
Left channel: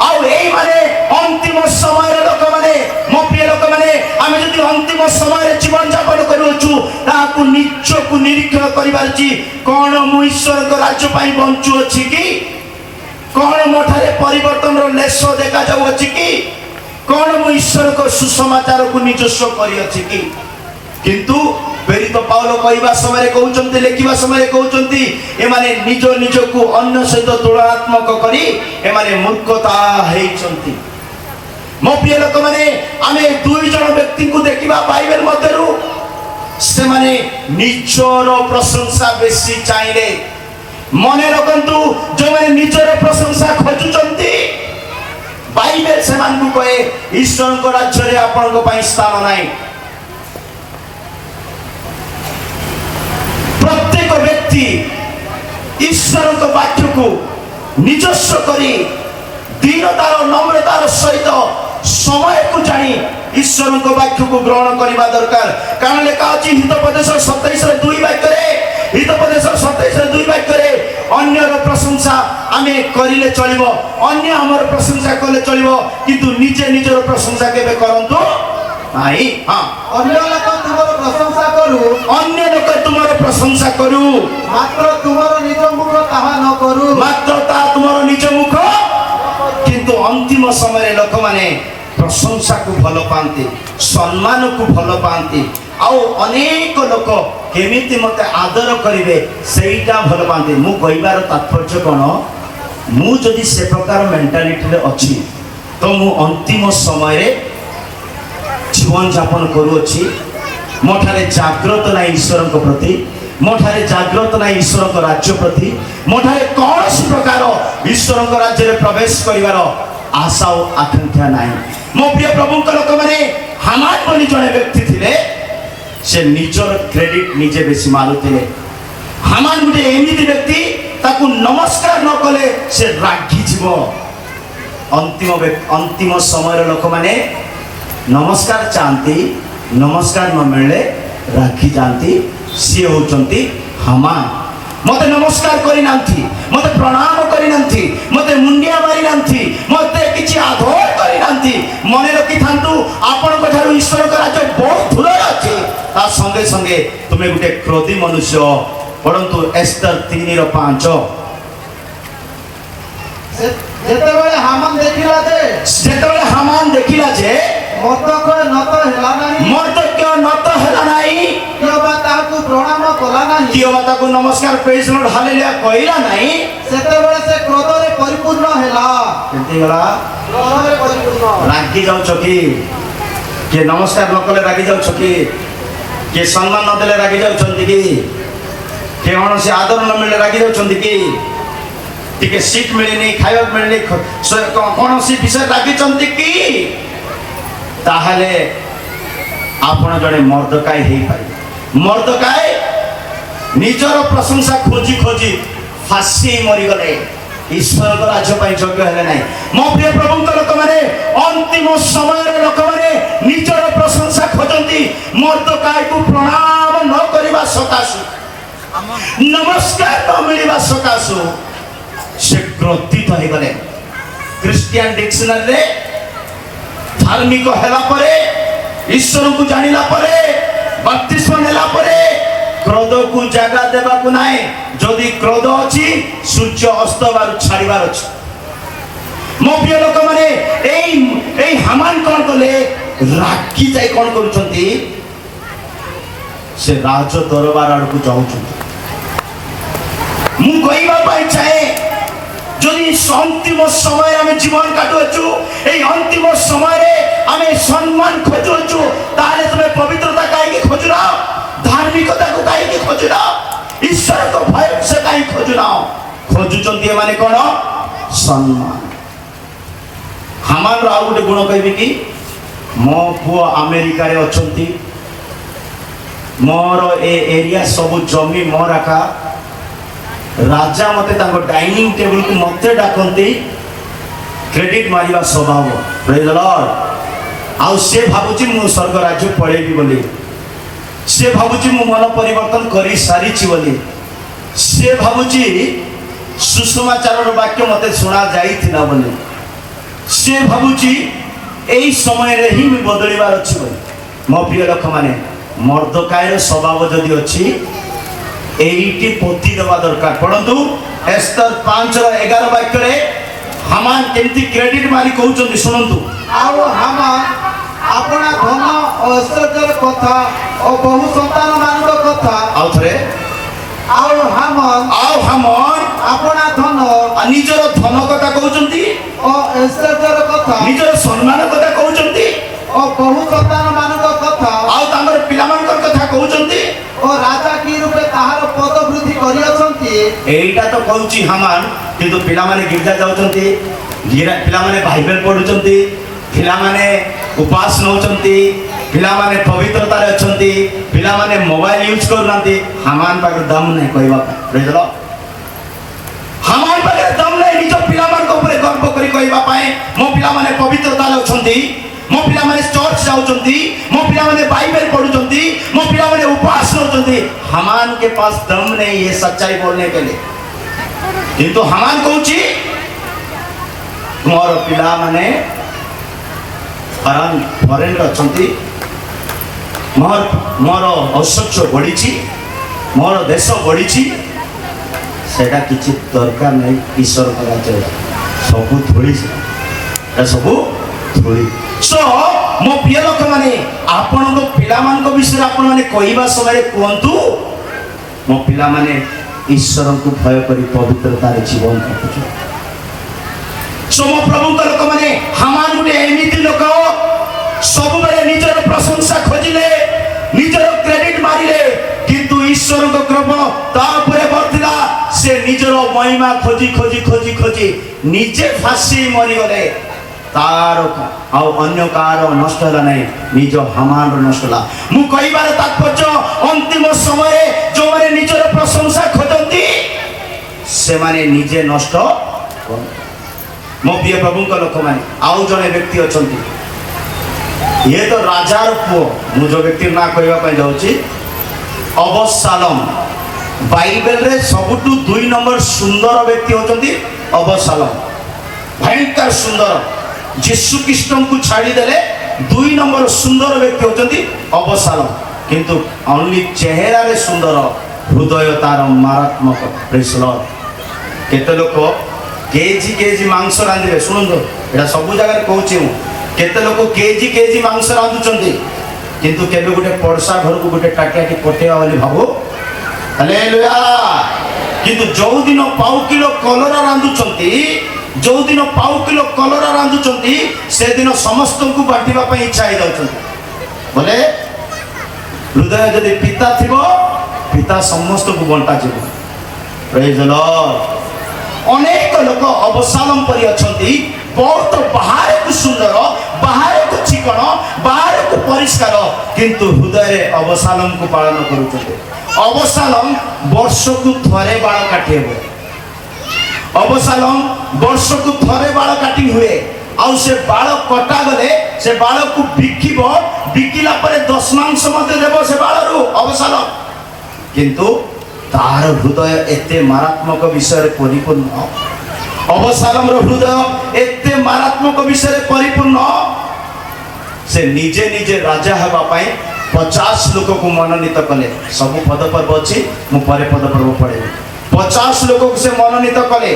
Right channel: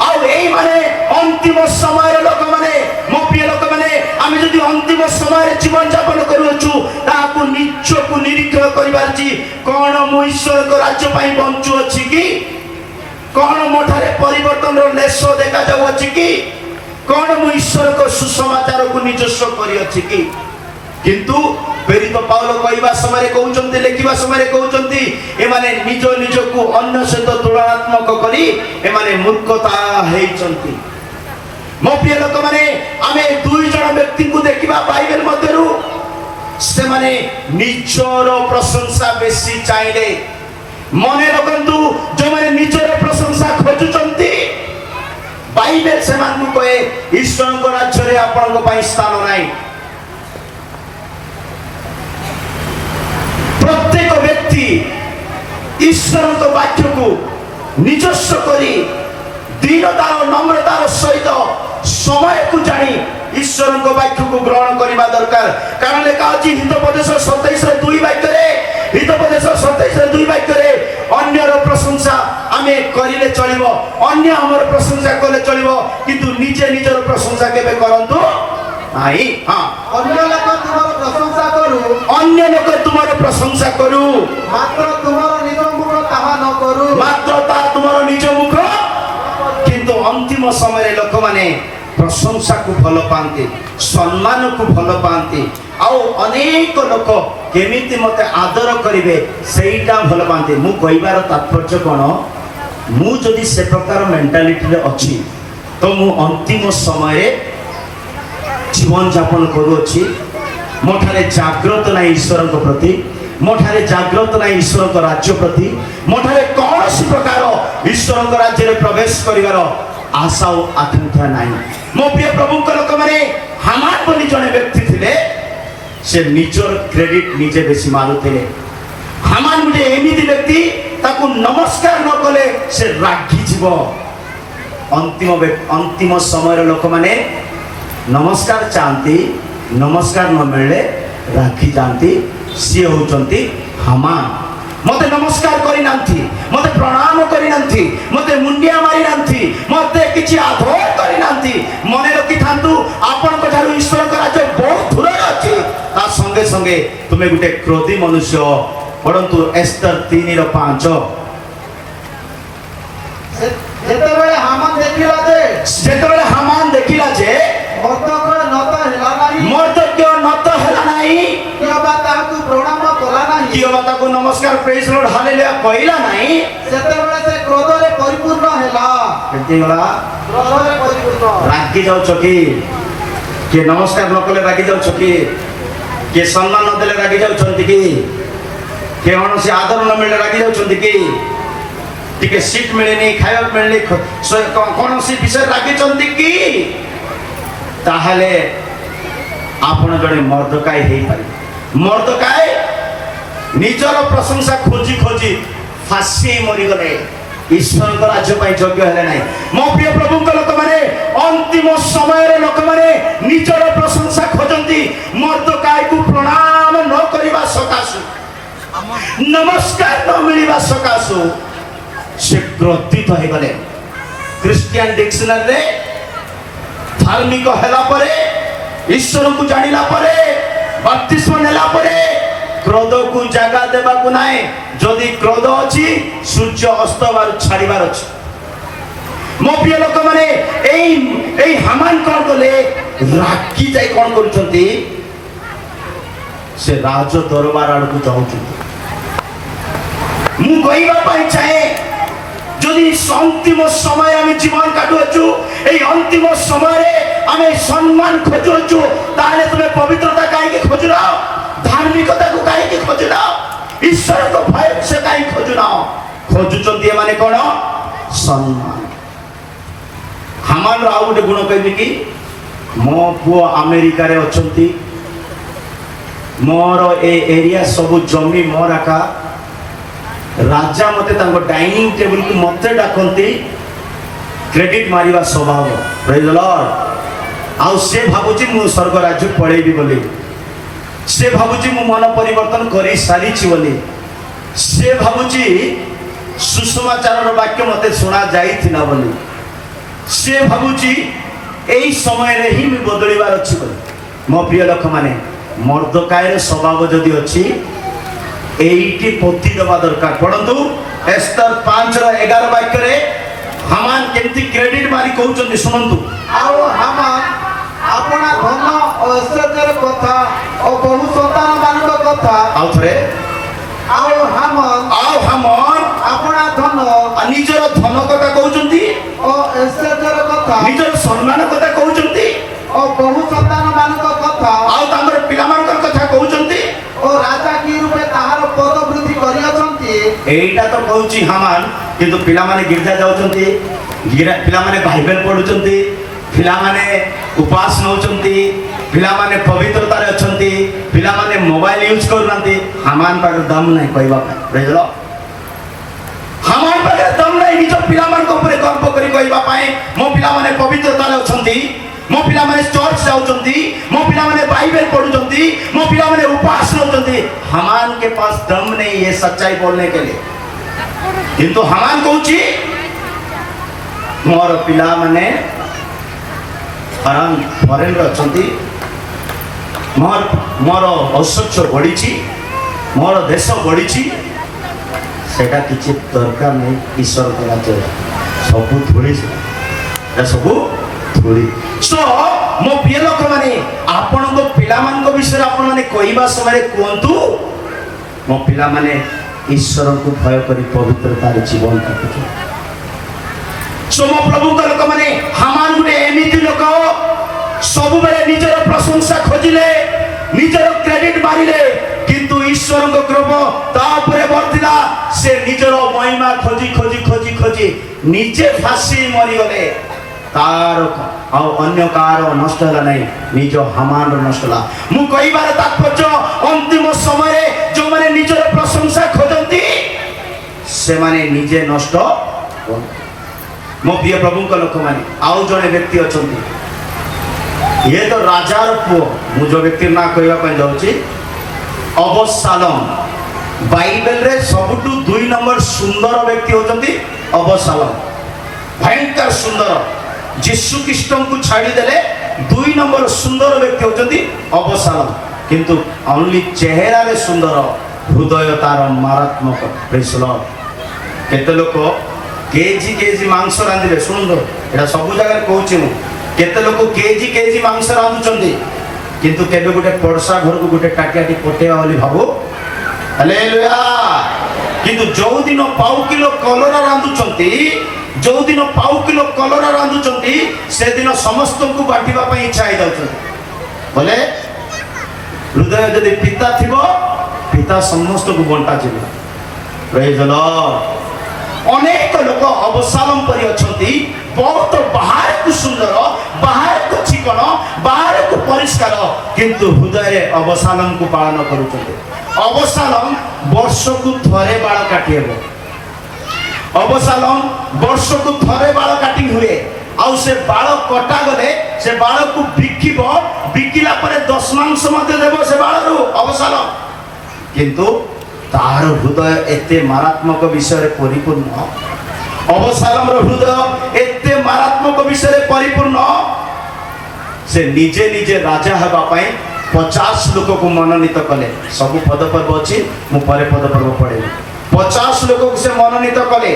ଆଉ ଏଇମାନେ ଅନ୍ତିମ ସମୟର ଲୋକମାନେ। ମୋ ପ୍ରିୟ ଲୋକମାନେ ଆମେ ଯଦି ଅନ୍ତିମ ସମୟରେ ଜୀବନ ଯାପନ କରୁଅଛୁ ତାହାକୁ ନିଜକୁ ନିରୀକ୍ଷଣ କରିବାର ଅଛି। କଣ ମୁଁ ଈଶ୍ୱରଙ୍କ ରାଜ୍ୟ ପାଇଁ ବଞ୍ଚୁଅଛି କି? କଣ ମୋ ଠାରେ ପରିବର୍ତ୍ତନର ଲେଶ ଦେଖାଯାଉଅଛି କି? କଣ ମୁଁ ଈଶ୍ୱରଙ୍କ ସୁସମାଚାରକୁ ନିଜସ୍ୱ କରିଅଛି କି? କିନ୍ତୁ ପ୍ରେରିତ ପାଉଲ କହିବା ସମୟରେ କହୁଛନ୍ତି, ଲେଖିବା ସମୟରେ କହୁଛନ୍ତି ଏମାନେ ନିଜକୁ ଅନ୍ୟ ସହିତ ତୁଳନାତ୍ମକ କରି ଏମାନେ ମୂର୍ଖତା ହେଇଛନ୍ତି। ମୋ ପ୍ରିୟ ଲୋକମାନେ ଆମେ ଦୁଇ ଜଣ ବ୍ୟକ୍ତିଙ୍କୁ ଦେଖିବା ବାଇବେଲ ମଧ୍ୟରୁ ସେମାନେ ନିଜର ପ୍ରଶଂସା ବେଶୀ ଚାହିଁଲେ। ମନେ ରଖନ୍ତୁ ଯେଉଁମାନେ ନିଜର ପ୍ରଶଂସା ଖୋଜୁଛନ୍ତି ବାଇବେଲ ସେମାନଙ୍କୁ କହେ ଈଶ୍ୱରଙ୍କ ରାଜ୍ୟରେ ଆପଣଙ୍କ ପାଇଁ ସ୍ଥାନ ନାହିଁ। ପ୍ରତ୍ୟେକ ବ୍ୟକ୍ତି ଈଶ୍ୱରଙ୍କ ବାକ୍ୟକୁ ନିଜସ୍ୱ କରି ଦୀନତାର ନମ୍ରତାର ସହିତ ସମୟକୁ ଜାଣି ଈଶ୍ୱରଙ୍କ ବାକ୍ୟକୁ ଗ୍ରହଣ କରିବା ଦରକାର। କାରଣ ଲେଖା ଅଛି ହିତୋପଦେଶ 27:2 ବାକ୍ୟରେ, ହିତୋପଦେଶ 27:2 ବାକ୍ୟରେ ଅନ୍ୟର ପ୍ରଶଂସା ଆମେ କରିଲେ ଚଳିବ, ଅନ୍ୟ ଆମର ପ୍ରଶଂସା କଲେ ଚଳିବ, କିନ୍ତୁ ନିଜେ ନିଜର ପ୍ରଶଂସା କେବେ କରନ୍ତୁ ନାହିଁ। ଅନ୍ୟ ଲୋକ ତୁମର ପ୍ରଶଂସା କରୁ, ଅନ୍ୟ ଲୋକ ତୁମର ପ୍ରଶଂସା କରୁ, ମାତ୍ର ତୁମର ନିଜ ମୁଖ ତାହା ନ କରୁ। ମାତ୍ର ତାହା ତୁମର ନିଜ ମୁଖ। କିନ୍ତୁ ଅନ୍ତିମ ସମୟରେ ଲୋକମାନେ ପ୍ରଶଂସାକୁ ଭଲ ପାଆନ୍ତି, ସମ୍ମାନକୁ ଭଲ ପାଆନ୍ତି, ଆଉ ଅନେକ ଲୋକ କେମିତି ମୋତେ ଆଦର କରିବେ ସେଇଟା ଭଲ ପାଆନ୍ତି। ମୁଁ କହିବାର ତାତ୍ପର୍ଯ୍ୟ କ'ଣ, ମୁଁ ଯଦି ସେ ପ୍ରକାର ମେଣ୍ଟାଲିଟିରେ ଅଛି ତ ମୁଁ ଅନ୍ତିମ ସମୟରେ ଜୀବନଯାପନ କରୁଅଛି। ମୋ ଠାରେ ଜାଗ୍ରତ ନାହିଁ ଈଶ୍ୱରଙ୍କ ପ୍ରତି, ମୋ ଠାରେ ଜାଗ୍ରତ ନାହିଁ ଈଶ୍ୱରଙ୍କ ରାଜ୍ୟ ପ୍ରତି, ମୋ ଠାରେ କୌଣସି ପ୍ରକାର ଈଶ୍ୱରଙ୍କ ରାଜ୍ୟରେ ପ୍ରବେଶ କରିବାର ଆଶା ଓ ଆକାଂକ୍ଷା ନାହିଁ। ମୋ ପ୍ରିୟ ପ୍ରଭୁଙ୍କ ଲୋକମାନେ, ହାମାନ ବୋଲି ଜଣେ ବ୍ୟକ୍ତି ଥିଲେ, ସେ ନିଜର କ୍ରେଡିଟ ନିଜେ ବେଶୀ ମାରୁଥିଲେ। ହାମାନ ଗୋଟେ ଏମିତି ବ୍ୟକ୍ତି, ତାକୁ ନମସ୍କାର ନ କଲେ ସେ ରାଗିଯିବ। ଅନ୍ତିମ ସମୟର ଲୋକମାନେ ନମସ୍କାର ଚାହାନ୍ତି, ନମସ୍କାର ନ ମିଳିଲେ ରାଗି ଯାଆନ୍ତି। ସିଏ ହେଉଛନ୍ତି ହାମାନ। ମତେ ନମସ୍କାର କରିନାହାନ୍ତି, ମତେ ପ୍ରଣାମ କରିନାହାନ୍ତି, ମତେ ମୁଣ୍ଡିଆ ମାରିନାହାନ୍ତି, ମତେ କିଛି ଆଦର କରିନାହାନ୍ତି। ମନେ ରଖିଥାନ୍ତୁ, ଆପଣଙ୍କ ଠାରୁ ଈଶ୍ୱରଙ୍କ ରାଜ୍ୟ ବହୁତ ଦୂରରେ ଅଛି। ତା ସଙ୍ଗେ ସଙ୍ଗେ ତୁମେ ଗୋଟେ କ୍ରୋଧୀ ମନୁଷ୍ୟ। ପଢନ୍ତୁ ଏସ୍ତର 3:5। ଯେତେବେଳେ ହାମାନ ଦେଖିଲା ଯେ ମର୍ଦ୍ଦକ୍ୟ নত ହେଲା ନାହିଁ, ମର୍ଦ୍ଦକ୍ୟ নত ହେଲା ନାହିଁ, କିମ୍ବା ତାହାକୁ ପ୍ରଣାମ କଲା ନାହିଁ, କିମ୍ବା ତାକୁ ନମସ୍କାର ପ୍ରେଜ୍ ଲର୍ଡ ହାଲେଲୁୟା କହିଲା ନାହିଁ, ସେତେବେଳେ ସେ କ୍ରୋଧରେ ପରିପୂର୍ଣ୍ଣ ହେଲା। କେମିତି ଗଲା? କ୍ରୋଧରେ ପରିପୂର୍ଣ୍ଣ। ରାଗି ଯାଉଛ କି? କିଏ ନମସ୍କାର ନ କଲେ ରାଗି ଯାଉଛ କି? କିଏ ସମ୍ମାନ ନ ଦେଲେ ରାଗି ଯାଉଛନ୍ତି କି? କିଏ କୌଣସି ଆଦର ନ ମିଳିଲେ ରାଗି ଯାଉଛନ୍ତି କି? ଟିକେ ସିଟ୍ ମିଳିନି, ଖାଇବାକୁ ମିଳିନି, କୌଣସି ବିଷୟ ରାଗିଛନ୍ତି କି? ତାହେଲେ ଆପଣ ଜଣେ ମର୍ଦ୍ଦକାୟ ହେଇପାରିବେ। ମର୍ଦ୍ଦକାୟ ନିଜର ପ୍ରଶଂସା ଖୋଜି ଖୋଜି ଫାଶୀ ମରିଗଲେ, ଈଶ୍ୱରଙ୍କ ରାଜ୍ୟ ପାଇଁ ଯୋଗ୍ୟ ହେଲେ ନାହିଁ। ମୋ ପ୍ରିୟ ପ୍ରଭୁଙ୍କ ଲୋକମାନେ, ଅନ୍ତିମ ସମୟରେ ଲୋକମାନେ ନିଜର ପ୍ରଶଂସା ଖୋଜନ୍ତି। ମର୍ଦ୍ଦକାୟକୁ ପ୍ରଣାମ ନ କରିବା ସକାଶୁ, ନମସ୍କାର ନ ମିଳିବା ସକାଶୁ ସେ କ୍ରୋଧିତ ହେଇଗଲେ। ଖ୍ରୀଷ୍ଟିଆନ ଡିକ୍ସନାରୀରେ ଧାର୍ମିକ ହେଲା ପରେ, ଈଶ୍ୱରକୁ ଜାଣିଲା ପରେ, ବାପ୍ତିସ୍ମ ନେଲା ପରେ କ୍ରୋଧକୁ ଜାଗା ଦେବାକୁ ନାହିଁ। ଯଦି କ୍ରୋଧ ଅଛି, ସୂର୍ଯ୍ୟ ଅସ୍ତବାର ଛାଡ଼ିବାର ଅଛି। ମୋ ପ୍ରିୟ ଲୋକମାନେ, ଏଇ ହାମାନ କଣ କଲେ? ରାଗି ଯାଇ କଣ କରୁଛନ୍ତି? ସେ ରାଜ ଦରବାର ଆଡକୁ ଯାଉଛନ୍ତି। ମୁଁ କହିବା ପାଇଁ ଚାହେଁ, যদি অন্তিম সময় আমি জীবন কাটুছু, এই অন্তিম সময়ে আমি সম্মান খোঁজুছু, তাহলে তুমি পবিত্রতা কাইকি খোঁজু না, ধার্মিকতাকে কাইকি খোঁজু না, ঈশ্বরকে ভয় সে কাই খোঁজু না? খোঁজুଛନ୍ତି এମାନେ কোন? সম্মান। হামার ଆଉ ଗୋଟେ ଗୁଣ କହିବି କି, ମୋ ପୁଅ ଆମେରିକାରେ ଅଛନ୍ତି, ମୋର ଏ ଏରିଆ ସବୁ ଜମି ମୋର ଏକା, ରାଜା ମତେ ତାଙ୍କ ଡାଇନିଂ ଟେବୁଲକୁ ମତେ ଡାକନ୍ତି, କ୍ରେଡିଟ ମାରିବା ସ୍ୱଭାବ। ପ୍ରେଜ୍ ଦ ଲର୍ଡ। ଆଉ ସେ ଭାବୁଛି ମୁଁ ସ୍ୱର୍ଗ ରାଜ୍ୟ ପଳେଇବି ବୋଲି, ସେ ଭାବୁଛି ମୁଁ ମନ ପରିବର୍ତ୍ତନ କରି ସାରିଛି ବୋଲି, ସେ ଭାବୁଛି ସୁସମାଚାରର ବାକ୍ୟ ମତେ ଶୁଣା ଯାଇଥିଲା ବୋଲି, ସେ ଭାବୁଛି ଏଇ ସମୟରେ ହିଁ ମୁଁ ବଦଳିବାର ଅଛି ବୋଲି। ମୋ ପ୍ରିୟ ଲୋକମାନେ, ମର୍ଦ୍ଦକାୟର ସ୍ୱଭାବ ଯଦି ଅଛି, এইটি পতি দেওয়া দরকার। পড়ন্তু এস্ତর 5:11 বাক্যরে হামান কেমতি ক্রেডিট মারি কହୁଛନ୍ତି, শুনন্তু। ଆଉ ହାମାନ ଆପଣା ଧନ ଓ ଐଶ୍ୱର୍ଯ୍ୟର କଥା ଓ ବହୁ ସନ୍ତାନ ମାନଙ୍କ କଥା, ଆଉ ଥରେ, ଆଉ ହାମାନ আপনা ଧନ ନିଜର ଧନ କଥା କହୁଛନ୍ତି, ଓ ଐଶ୍ୱର୍ଯ୍ୟର କଥା ନିଜର ସମ୍ମାନ କଥା କହୁଛନ୍ତି, ଓ ବହୁ ସନ୍ତାନ ମାନଙ୍କ କଥା, ଆଉ ତାଙ୍କର ପିଲାମାନଙ୍କର କଥା କହୁଛନ୍ତି। ଓ ରାଜା କି ରୂପେ ତାହାର ପଦ ବୃଦ୍ଧି କରିଅଛନ୍ତି, এইটা তো କହୁଛି ହାମାନ କିନ୍ତୁ ପିଲାମାନେ ଗିର୍ଜା ଯାଉଛନ୍ତି ପିଲାମାନେ ବାଇବେଲ ପଢୁଛନ୍ତି ପିଲାମାନେ ଉପାସ ନେଉଛନ୍ତି ପିଲାମାନେ ପବିତ୍ରତାରେ ଅଛନ୍ତି ପିଲାମାନେ ମୋବାଇଲ ୟୁଜ୍ କରୁନାହାନ୍ତି ହାମାନ ପାଖରେ ଦମ ନାହିଁ କହିବା ପାଇଁ ପ୍ରେଜ ଦ ଲର୍ଡ ହାମାନ ପାଖରେ ଦମ ନାହିଁ ନିଜ ପିଲାମାନଙ୍କ ଉପରେ ଗର୍ବ କରି କହିବା ପାଇଁ ମୋ ପିଲାମାନେ ପବିତ୍ରତାରେ ଅଛନ୍ତି ମୋ ପିଲାମାନେ ଚର୍ଚ୍ଚ ଯାଉଛନ୍ତି ମୋ ପିଲାମାନେ ବାଇବେଲ ପଢୁଛନ୍ତି ମୋ ପିଲାମାନେ उपास होते हमान के पास दम नहीं है सच्चाई बोलने के लिए किंतु हमान कहूची मोर पिला माने आराम फरेन अछंती मोर मोर औषध बढ़ी मोर देश बढ़ी सेटा किछि दरकार नहीं ईश्वर करा चाहिए सबू थोड़ी सबू थोड़ी सो मो प्रिय लोक माने आपण पिला मान विषय आपण माने कहवा समय कहतु मो पिला माने ईश्वर को भय करी पवित्रता जीवन काटुछ सो मो प्रभु का लोक माने हमान गुटे एमिति लोक सब बेले निजर प्रशंसा खोजिले निजर क्रेडिट मारिले किंतु ईश्वर को कृपा तापरे वर्तिला से निजर महिमा खोजी खोजी खोजी खोजी निजे फांसी मरी गले तार आउ अन्य कार नष्ट होला नहीं निज हमान नष्ट होला मु कहिबार तात्पर्य अंतिम समय जो माने निजर प्रशंसा खोजंती से माने निजे नष्ट मो प्रिय प्रभु को लोक माने आउ जने व्यक्ति अछंती ये तो राजार पुओ मु जो व्यक्ति ना कहवा पे जाउची अबशालोम बाइबल रे सबटु 2 नंबर सुंदर व्यक्ति होचंती अबशालोम भयंकर सुंदर यीशु कृष्ण को छाड़ी देले 2 नंबर सुंदर व्यक्ति होचंती अबशालोम किंतु ओनली चेहरा रे सुंदर हृदय तार मारात्मक प्रेज लॉर्ड केते लोक केजी केजी मांस रांधिबे सुनंदो एटा सब जगह कहूची केते लोक केजी केजी मांस रांधुचंती किंतु केबे गुटे पड़सा घर को गुटे टाटिया के पटेया वाली भाबो हालेलुया किंतु जो दिन पाउ किलो कलरा रांधुचंती जो दिन पाउ किलो कलरा रांधुचंती से दिन समस्त को बांटिबा पे इच्छा ही जाउचंती बोले हृदय यदि पिता थिबो पिता समस्त को बंटा जिवो प्रेज द लॉर्ड अनेक लोक अबशालोम परि अछंती बहुत बाहर को सुंदर बाहर को चिकन बाहर को परिष्कार किंतु हृदय रे अबशालोम को पालन करूचंती अबशालोम वर्ष को थरे बाल काटेबो अबशालोम वर्ष को थरे बाल काटी हुए आउ से बाल कटा गले से बाल को बिकिबो बिकिला परे 10 मांस मते देबो से बाल रु अबशालोम किंतु तार हृदय एते मारात्मक विषय परिपूर्ण अबशालोम रो हृदय एते मारात्मक विषय परिपूर्ण से निजे निजे राजा हवा पाई 50 लोक को मनोनीत कले सब पद पर्व अछि मु परे पद पर्व पढे 50 लोक को से मनोनीत कले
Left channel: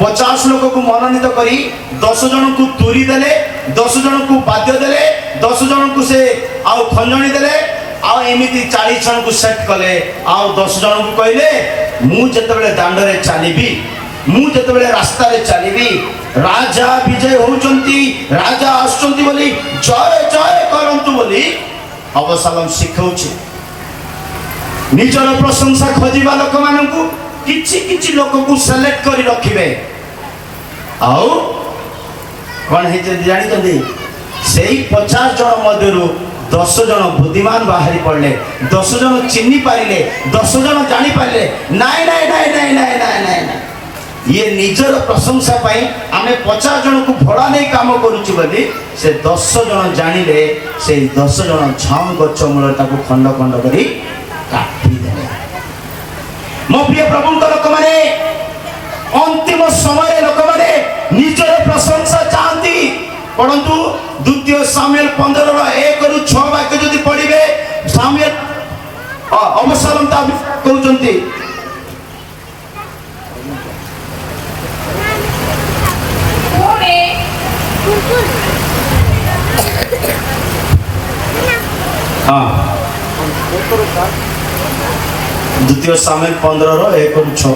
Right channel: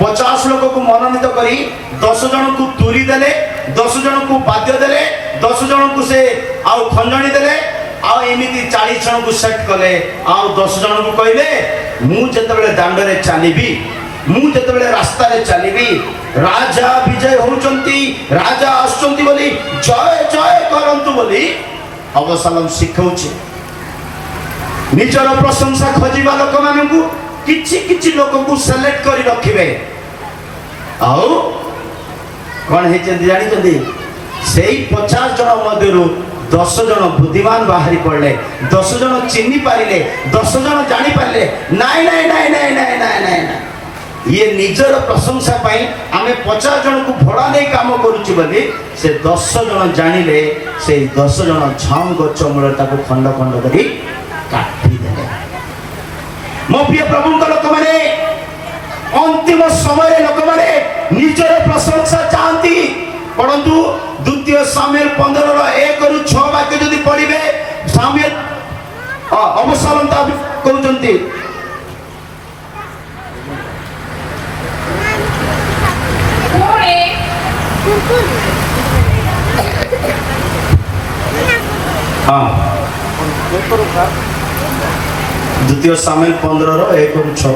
50 लोक को मनोनीत करी 10 जन को तुरी देले 10 जन को वाद्य देले 10 जन को से आउ खंजणी देले आ एमिति 40 जन को सेट कले आउ 10 जन को कहले मु जतबेले दांड रे चालीबी मु जतबेले रास्ता रे चालीबी राजा विजय होचंती राजा आछंती बोली जय जय करंतु बोली अबशालोम शिखौछि निजर प्रशंसा खोजिबा लोक मानकु किछि किछि लोक को सेलेक्ट करी रखिबे आउ कोन हे जानि तंदी सेही 50 जन मध्यरु 10 जन बुद्धिमान बाहरी पड़ले 10 जन चिन्नी पारिले 10 जन जानि पारिले नाइ नाइ नाइ नाइ नाइ नाइ नाइ ये निजर प्रशंसा पाई आमे 50 जन को भड़ा नहीं काम करूची बोली से 10 जन जानिले से 10 जन झाम गच्छ मूल ताको खंड खंड करी काटी देले मो प्रिय प्रभु का लोक माने अंतिम समय लोक माने निजर प्रशंसा चाहती परंतु द्वितीय सामुएल 15 रो 1 रु 6 वाक्य जदी पढिबे सामुएल अबशालोम ता कहउचंती हाँ द्वितीय सामुएल 15 रो 1 रु 6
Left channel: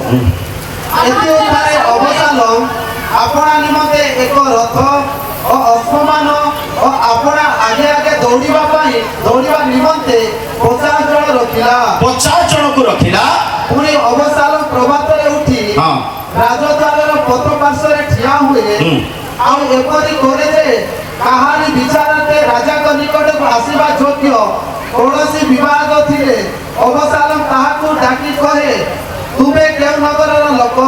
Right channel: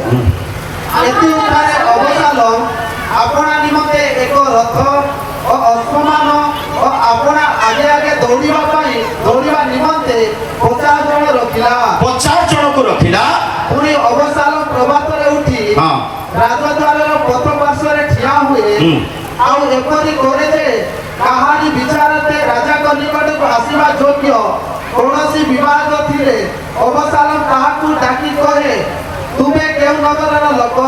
एते उठाए अबशालोम आपना निमते एक रथ और अश्वमान और आपना आगे आगे दौड़िबा निमते 50 जन रखिला 50 जन को रखिला पुरी अबशालोम प्रभात रे ରାଜଧାନୀର ପଥ ପାର୍ଶ୍ୱରେ ଠିଆ ହୁଏ ଆଉ ଏପରି କରେ ଯେ କାହାରି ବିଚାରରେ ରାଜାଙ୍କ ନିକଟକୁ ଆସିବା ଯୋଗ୍ୟ କୌଣସି ବିବାଦ ଥିଲେ ଅବସାଲମ ତାହାକୁ ଡାକି କହେ, ତୁମେ କେଉଁ ନଗରର ଲୋକ?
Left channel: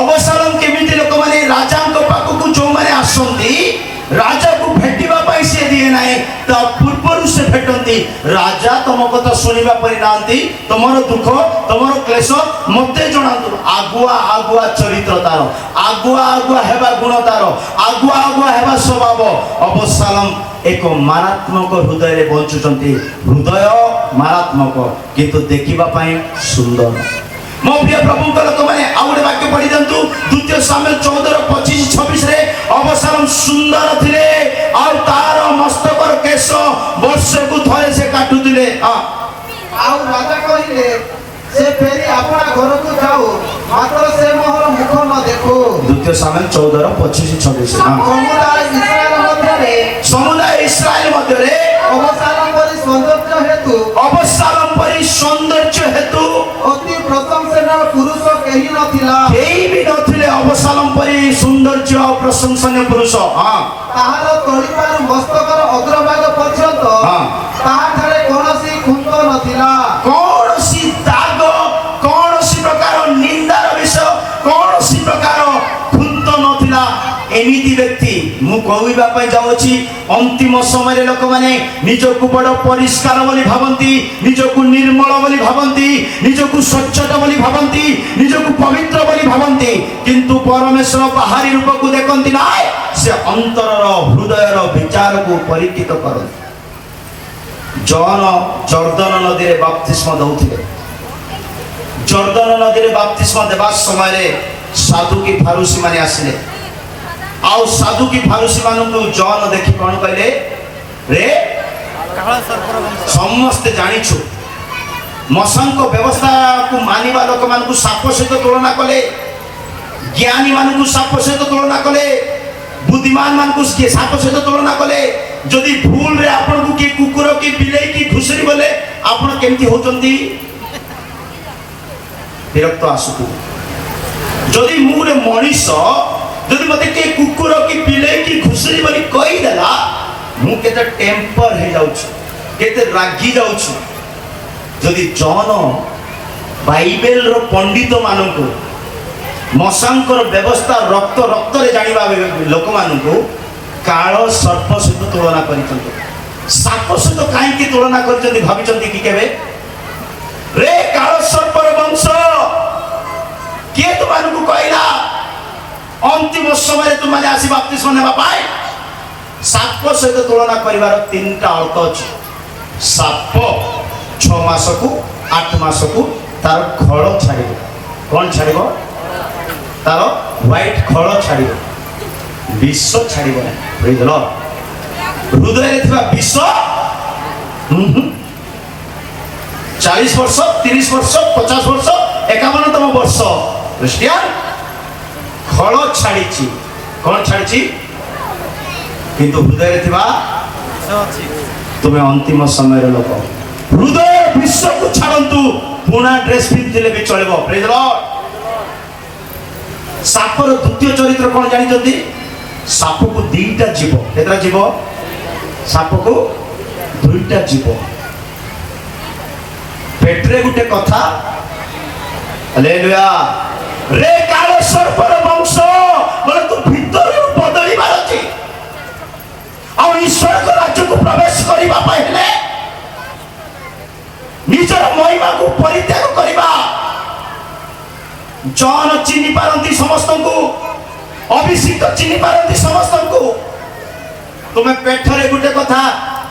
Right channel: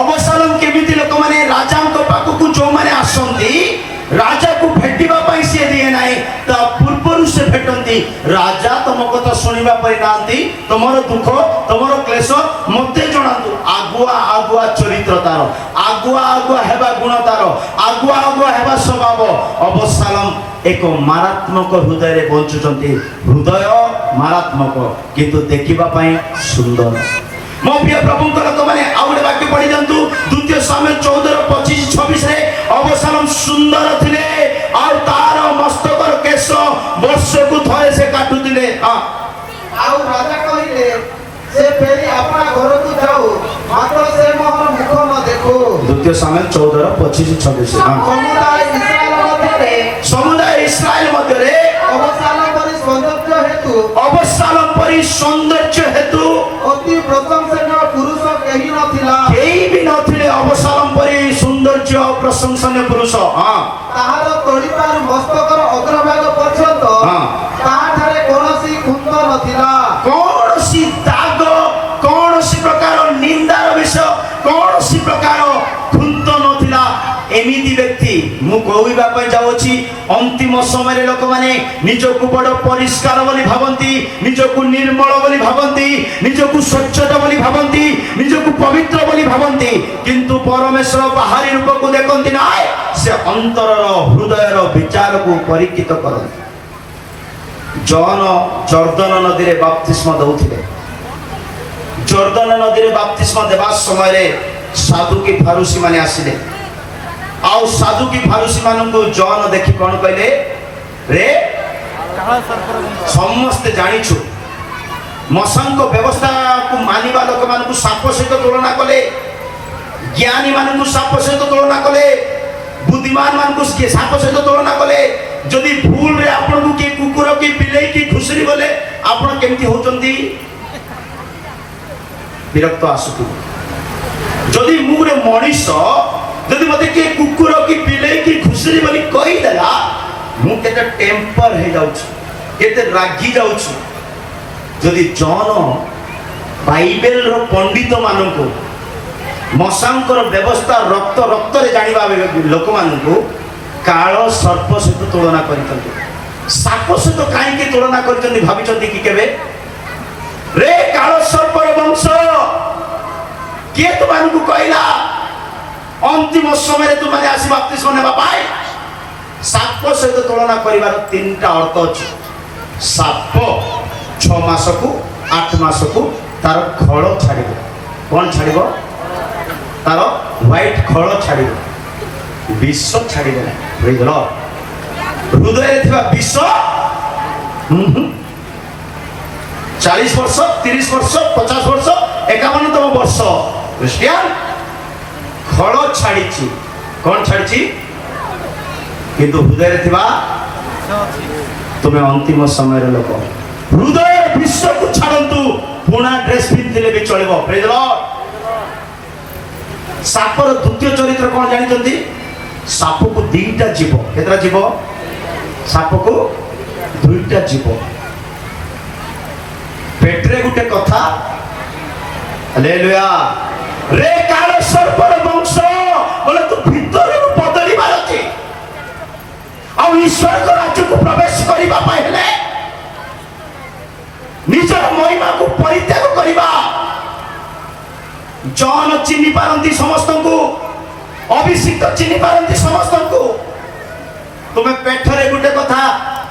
ଅବସାଲମ କେମିତି ଲୋକମାନେ ରାଜାଙ୍କ ପାଖକୁ ଯୋଉମାନେ ଆସନ୍ତି ରାଜାକୁ ଭେଟିବା ପାଇଁ ସେ ଦିଏ ନାହିଁ, ତା ପୂର୍ବରୁ ସେ ଭେଟନ୍ତି। ରାଜା ତମ କଥା ଶୁଣିବା ପାଇଁ ନାହାନ୍ତି, ତମର ଦୁଃଖ ତମର କ୍ଲେଶ ମତେ ଜଣାନ୍ତୁ। ଆଗୁଆ ଆଗୁଆ ଚରିତ୍ର ତାର, ଆଗୁଆ ଆଗୁଆ ହେବା ଗୁଣ ତାର, ଆଗୁଆ ଆଗୁଆ ହେବା ସ୍ୱଭାବ। ଅବସାଲମ ଏକ ମାରାତ୍ମକ ହୃଦୟରେ ବଞ୍ଚୁଛନ୍ତି। ହୃଦୟ ମାରାତ୍ମକ କିନ୍ତୁ ଦେଖିବା ପାଇଁ ସୁନ୍ଦର। ମୋ ପ୍ରିୟ ପ୍ରଭୁଙ୍କ ଲୋକମାନେ ଆଉ ଗୋଟେ ବାକ୍ୟ ପଢି ଦିଅନ୍ତୁ। ଦ୍ୱିତୀୟ ସାମୁଏଲ 14:25-26 ଅବସାଲମ ସୁନ୍ଦର ଥିଲେ ଆଉ ତାର ମସ୍ତକର କେଶ ବର୍ଷକୁ ଥରେ ସେ କାଟୁଥିଲେ। ଆଉ ରାଜା କହିଲେ, ସେ ଫେରି ଆପଣା ଘରକୁ ଯାଉ, ମାତ୍ର ସେ ମୋହର ମୁଖ ନ ଦେଖୁ। ଦ୍ୱିତୀୟ ସାମୁଏଲ 14:25-26 ସମୁଦାୟ ଇସ୍ରାଏଲ ମଧ୍ୟରେ ଅବସାଲମ ପରି ସୌନ୍ଦର୍ଯ୍ୟ ହେତୁ ଅବସାଲମ ପରି ସୌନ୍ଦର୍ଯ୍ୟ ହେତୁ ଅତି ପ୍ରଶଂସନୀୟ ପୁରୁଷ କେହି ନଥିଲା। କେହି ବି ନଥିଲେ ଅବସାଲମ ପରି ସୌନ୍ଦର୍ଯ୍ୟ ଆଉ ପ୍ରଶଂସନୀୟ ପୁରୁଷ। ତାହାର ତଳିପାରୁ ମସ୍ତକର ଅଗ୍ରଭାଗ ପର୍ଯ୍ୟନ୍ତ ତାହାଠାରେ କୌଣସି କୁନ୍ଦ ନଥିଲା। କୌଣସି ଦାଗ, କୌଣସି ପ୍ରକାର ନିନ୍ଦାର ବିଷୟ, କୌଣସି ପ୍ରକାର ଖୁନ୍ତ ନଥିଲା। ଏମିତି ବ୍ୟକ୍ତି ମୁଁ କହିବା ପାଇଁ ଯାଉଛି, ଅନ୍ତିମ ସମୟରେ ଲୋକମାନେ ନିଜକୁ ବଡ଼ ପରିଷ୍କାର ବୋଲି ଭାବନ୍ତି, ନିଜକୁ ନିର୍ମଳ ବୋଲି ଭାବନ୍ତି, ନିଜକୁ ସ୍ୱଚ୍ଛତା ବୋଲି ଭାବନ୍ତି, ନିଜକୁ ପବିତ୍ର ବୋଲି ଭାବନ୍ତି, କିନ୍ତୁ ପରମେଶ୍ୱର ବାହାରି ରୂପକୁ ଦେଖନ୍ତି ନାହିଁ, ସେ ଅନ୍ତରର ହୃଦୟର ବିଚାରକୁ ପରୀକ୍ଷିତ କରନ୍ତି। ଜନ ଜର୍ଦ୍ଦନ ନଦୀରେ ବାପ୍ତିସ୍ମ ଦେଉଥିଲେ। ଜର୍ଦ୍ଦନ ନଦୀରେ ବାପ୍ତିସ୍ମ ଦେବା ସମୟରେ ସାଧୁକି ଫାରୁସୀ ମାନେ ଆସିଲେ। ଆଉ ସାଧୁକି ଫାରୁସୀ ମାନଙ୍କୁ ଜନ ଦେଖି କଣ କହିଲେ? ରେ ସମସ୍ତେ ଜାଣିଛୁ ମଶାଙ୍କ ବ୍ୟବସ୍ଥାକୁ ମାନିବା ଲୋକମାନଙ୍କୁ ସାପ ସହିତ ତୁଳନା କଲେ, ଜ୍ଞାନୀ ମାନଙ୍କୁ ସାପ ସହିତ ତୁଳନା କଲେ, ବୁଦ୍ଧିମାନ ମାନଙ୍କୁ ସାପ ସହିତ ତୁଳନା କଲେ। ଯଦି ଭୁଲରେ ଆପଣଙ୍କୁ କିଏ କୁକୁର କି ବିଲେଇ କି ଘୁଷୁରି ବୋଲେ ଆପଣ କେମିତି ହଉଛନ୍ତି? ବିରକ୍ତ ଆସୁଥିବ। ଯଦି ମୁଁ ଗୋଟେ ମଣିଷ, ଯଦି ମତେ କିଏ କୁକୁର କି ବିଲେଇ କି ଘୁଷୁରି ବୋଲି କହିଦେଲା, ମୁଁ କେତେ ଟେମ୍ପର ହେଇଯାଉଛି, କେତେ ରାଗି ଯାଉଛି। ଯଦି ଜନ ବାଇବେଲର ପଣ୍ଡିତ ମାନଙ୍କୁ, ମଶାଙ୍କର ବ୍ୟବସ୍ଥା ରକ୍ତ ରକ୍ତରେ ଜାଣିବା ଲୋକମାନଙ୍କୁ କାଳ ସର୍ପ ସହିତ ତୁଳନା କରିଛନ୍ତି। ସାପ ସହିତ କାହିଁକି ତୁଳନା କରିଛନ୍ତି ଭାବିଛନ୍ତି କି କେବେ? ରେ କାଳ ସର୍ପର ବଂଶ, କିଏ ତୁମମାନଙ୍କୁ କହିଲା ଅନ୍ତିମ ସମୟରେ ତୁମମାନେ ଆସି ବାପ୍ତିସ୍ମ ନେବା ପାଇଁ? ସାପ ସହିତ ତୁଳନା କରିବାର ତିନିଟା ଅର୍ଥ ଅଛି। ସାପ 6 ମାସକୁ 8 ମାସକୁ ତାର ଖଳ ଛାଡ଼ିବ। କଣ ଛାଡ଼ିବ? ତାର ହ୍ୱାଇଟ୍ ଖଳ ଛାଡ଼ିବ, ବିଷ ଛାଡ଼ିବ ନାହିଁ। ହୃଦୟରେ ଥିବା ବିଷ 40 ବର୍ଷ, 30 ବର୍ଷ, 50 ବର୍ଷ, 51ତମ ବର୍ଷ ଖ୍ରୀଷ୍ଟିଆନ ଖଳ ଛାଡ଼ିଛି। କଣ ଛାଡ଼ିଛି? କିନ୍ତୁ ହୃଦୟରେ ଥିବା ତୁମେ ଅନ୍ତିମ ସମୟର ଲୋକ। ହୃଦୟ ବିଷକୁ ଛାଡ଼ନ୍ତୁ, ପୁଣା ଡ୍ରେସ୍ ପିନ୍ଧିଥିଲେ ବି ଚଳିବ। ପ୍ରେଜ୍ ଦ ଲର୍ଡ। ସାପର ଦ୍ୱିତୀୟ ଚରିତ୍ର କଣ ଜାଣିଛନ୍ତି? ସାପକୁ 2ଟା ଜୀବ। କେତେଟା ଜୀବ? ସାପକୁ 2ଟା ଜୀବ। ପେଟରେ ଗୋଟେ କଥା, ହାଲେଲୁୟା। ରେ କାଳ ସର୍ପର ବଂଶ, ବୋଲେ ତୁ ଭିତରରୁ ବଦଳିବାର ଅଛି। ଆଉ ଈଶ୍ୱରଙ୍କ ରାଜ୍ୟକୁ ପ୍ରବେଶ କରିବା ପାଇଁ ହେଲେ ନିଜର ମହିମାକୁ ପରିତ୍ୟାଗ କରିବା। ଜନ ଚିହ୍ନି ପାରନ୍ତି ସମସ୍ତଙ୍କୁ, ଅଭିଷିକ୍ତ ଚିହ୍ନି ପାରନ୍ତି ସମସ୍ତଙ୍କୁ। ତୁମେ ପେଟରେ ଗୋଟେ କଥା,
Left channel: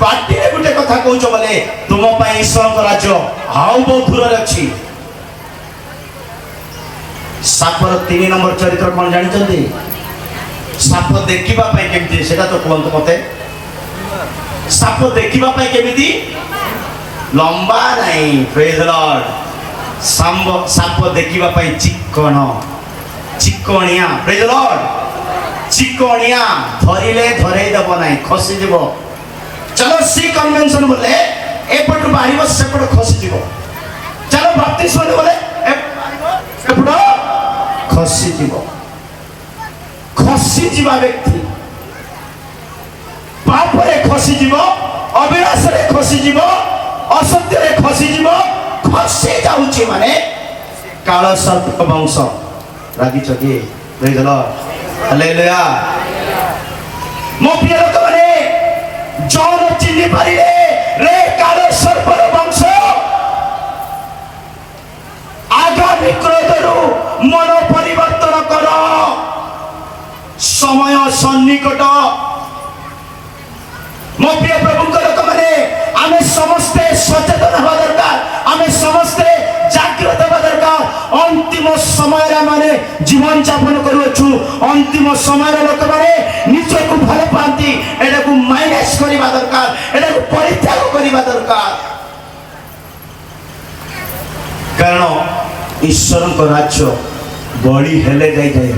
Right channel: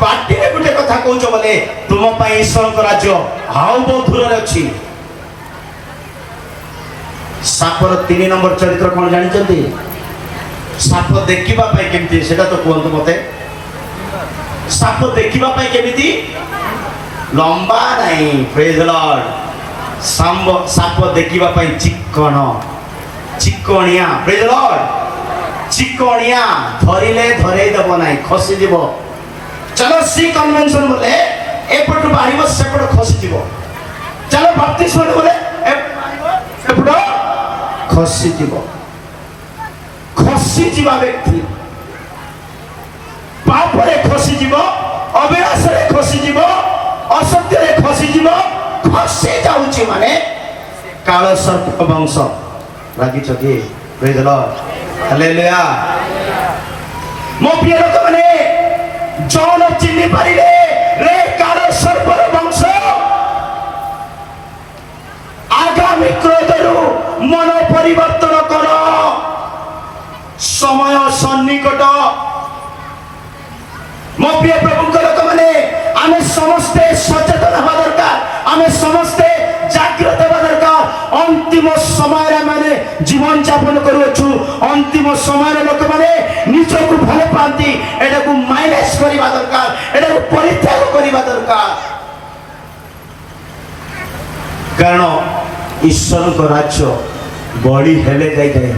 ପାଟିରେ ଗୋଟେ କଥା କହୁଛ ବୋଲେ ତୁମ ପାଇଁ ଈଶ୍ୱରଙ୍କ ରାଜ୍ୟ ଆଉ ବହୁତ ଦୂରରେ ଅଛି। ସାପର 3 ନମ୍ବର ଚରିତ୍ର କଣ ଜାଣିଛନ୍ତି? ସାପ ଦେଖିବା ପାଇଁ କେମିତି ସେଟା ତ କୁହନ୍ତୁ ମତେ। ସାପ ଦେଖିବା ପାଇଁ କେମିତି? ଲମ୍ବା ନାହିଁ। ପ୍ରେଜ୍ ଦ ଲର୍ଡ। ସାପ ଦେଖିବା ପାଇଁ ଚିକଣ, ଚିକଣିଆ। ପ୍ରେଜ୍ ଦ ଲର୍ଡ। ଚିକଣିଆ, ଧରିଲେ ଧରେଇ ଦେବ ନାହିଁ, ଖସିଯିବ। ଚାଲ ସି କନଭେନସନ ବୋଲେ ଏପଟୁ ବାହାରିବ, ସେପଟ ଖସିଯିବ। ଚାଲ ବାପ୍ତିସ୍ମ ବୋଲେ ଏପଟୁ ବାହାରିବ, ସେପଟ ଖସିଯିବ। ଖସିଯିବା ବ୍ୟକ୍ତି ପାପରେ ଖସିଯିବ, ଅବିଳାସରେ ଖସିଯିବ, ଅସତ୍ୟରେ ଖସିଯିବ, ଖସି ଯାଉଛି ମାନେ କାଳ ସର୍ପ ବଂଶ। ରାଗିଛ କି? ଦେଇଦେଲ ହାଲେଲୁୟା। ମୋ ପ୍ରିୟ ଲୋକମାନେ, ଜନ ଚିହ୍ନି ପାରିଲେ ରେ କାଳ ସର୍ପର ବଂଶ ଆଗାମୀ କ୍ରୋଧରୁ ମନ ପରିବର୍ତ୍ତନ କର, ସମୟ ସନ୍ନିକଟ। ମୋ ପ୍ରିୟ ପ୍ରଭୁଙ୍କ ଲୋକମାନେ, ଆମେ ସମସ୍ତେ ସଚେତନ ହେବା ଦରକାର, ଆମେ ସମସ୍ତେ ଜାଗ୍ରତ ହେବା ଦରକାର। ଅନ୍ତିମ ସମୟରେ ଆମେ ଜୀବନ ଯାପନ କରୁଅଛୁ। ଅନ୍ତିମ ସମୟରେ ଲୋକମାନେ ନିଜକୁ ଭଲ ପାଆନ୍ତି, ଏଟାକୁ ମାଇନସ୍ କରିବା ଦରକାର, ଏଟାକୁ ପରିତ୍ୟାଗ କରିବା ଦରକାର। କାରଣ ଈଶ୍ୱରଙ୍କ ରାଜ୍ୟ ବଳି ହେଲେ ଯାଇଥାଏ।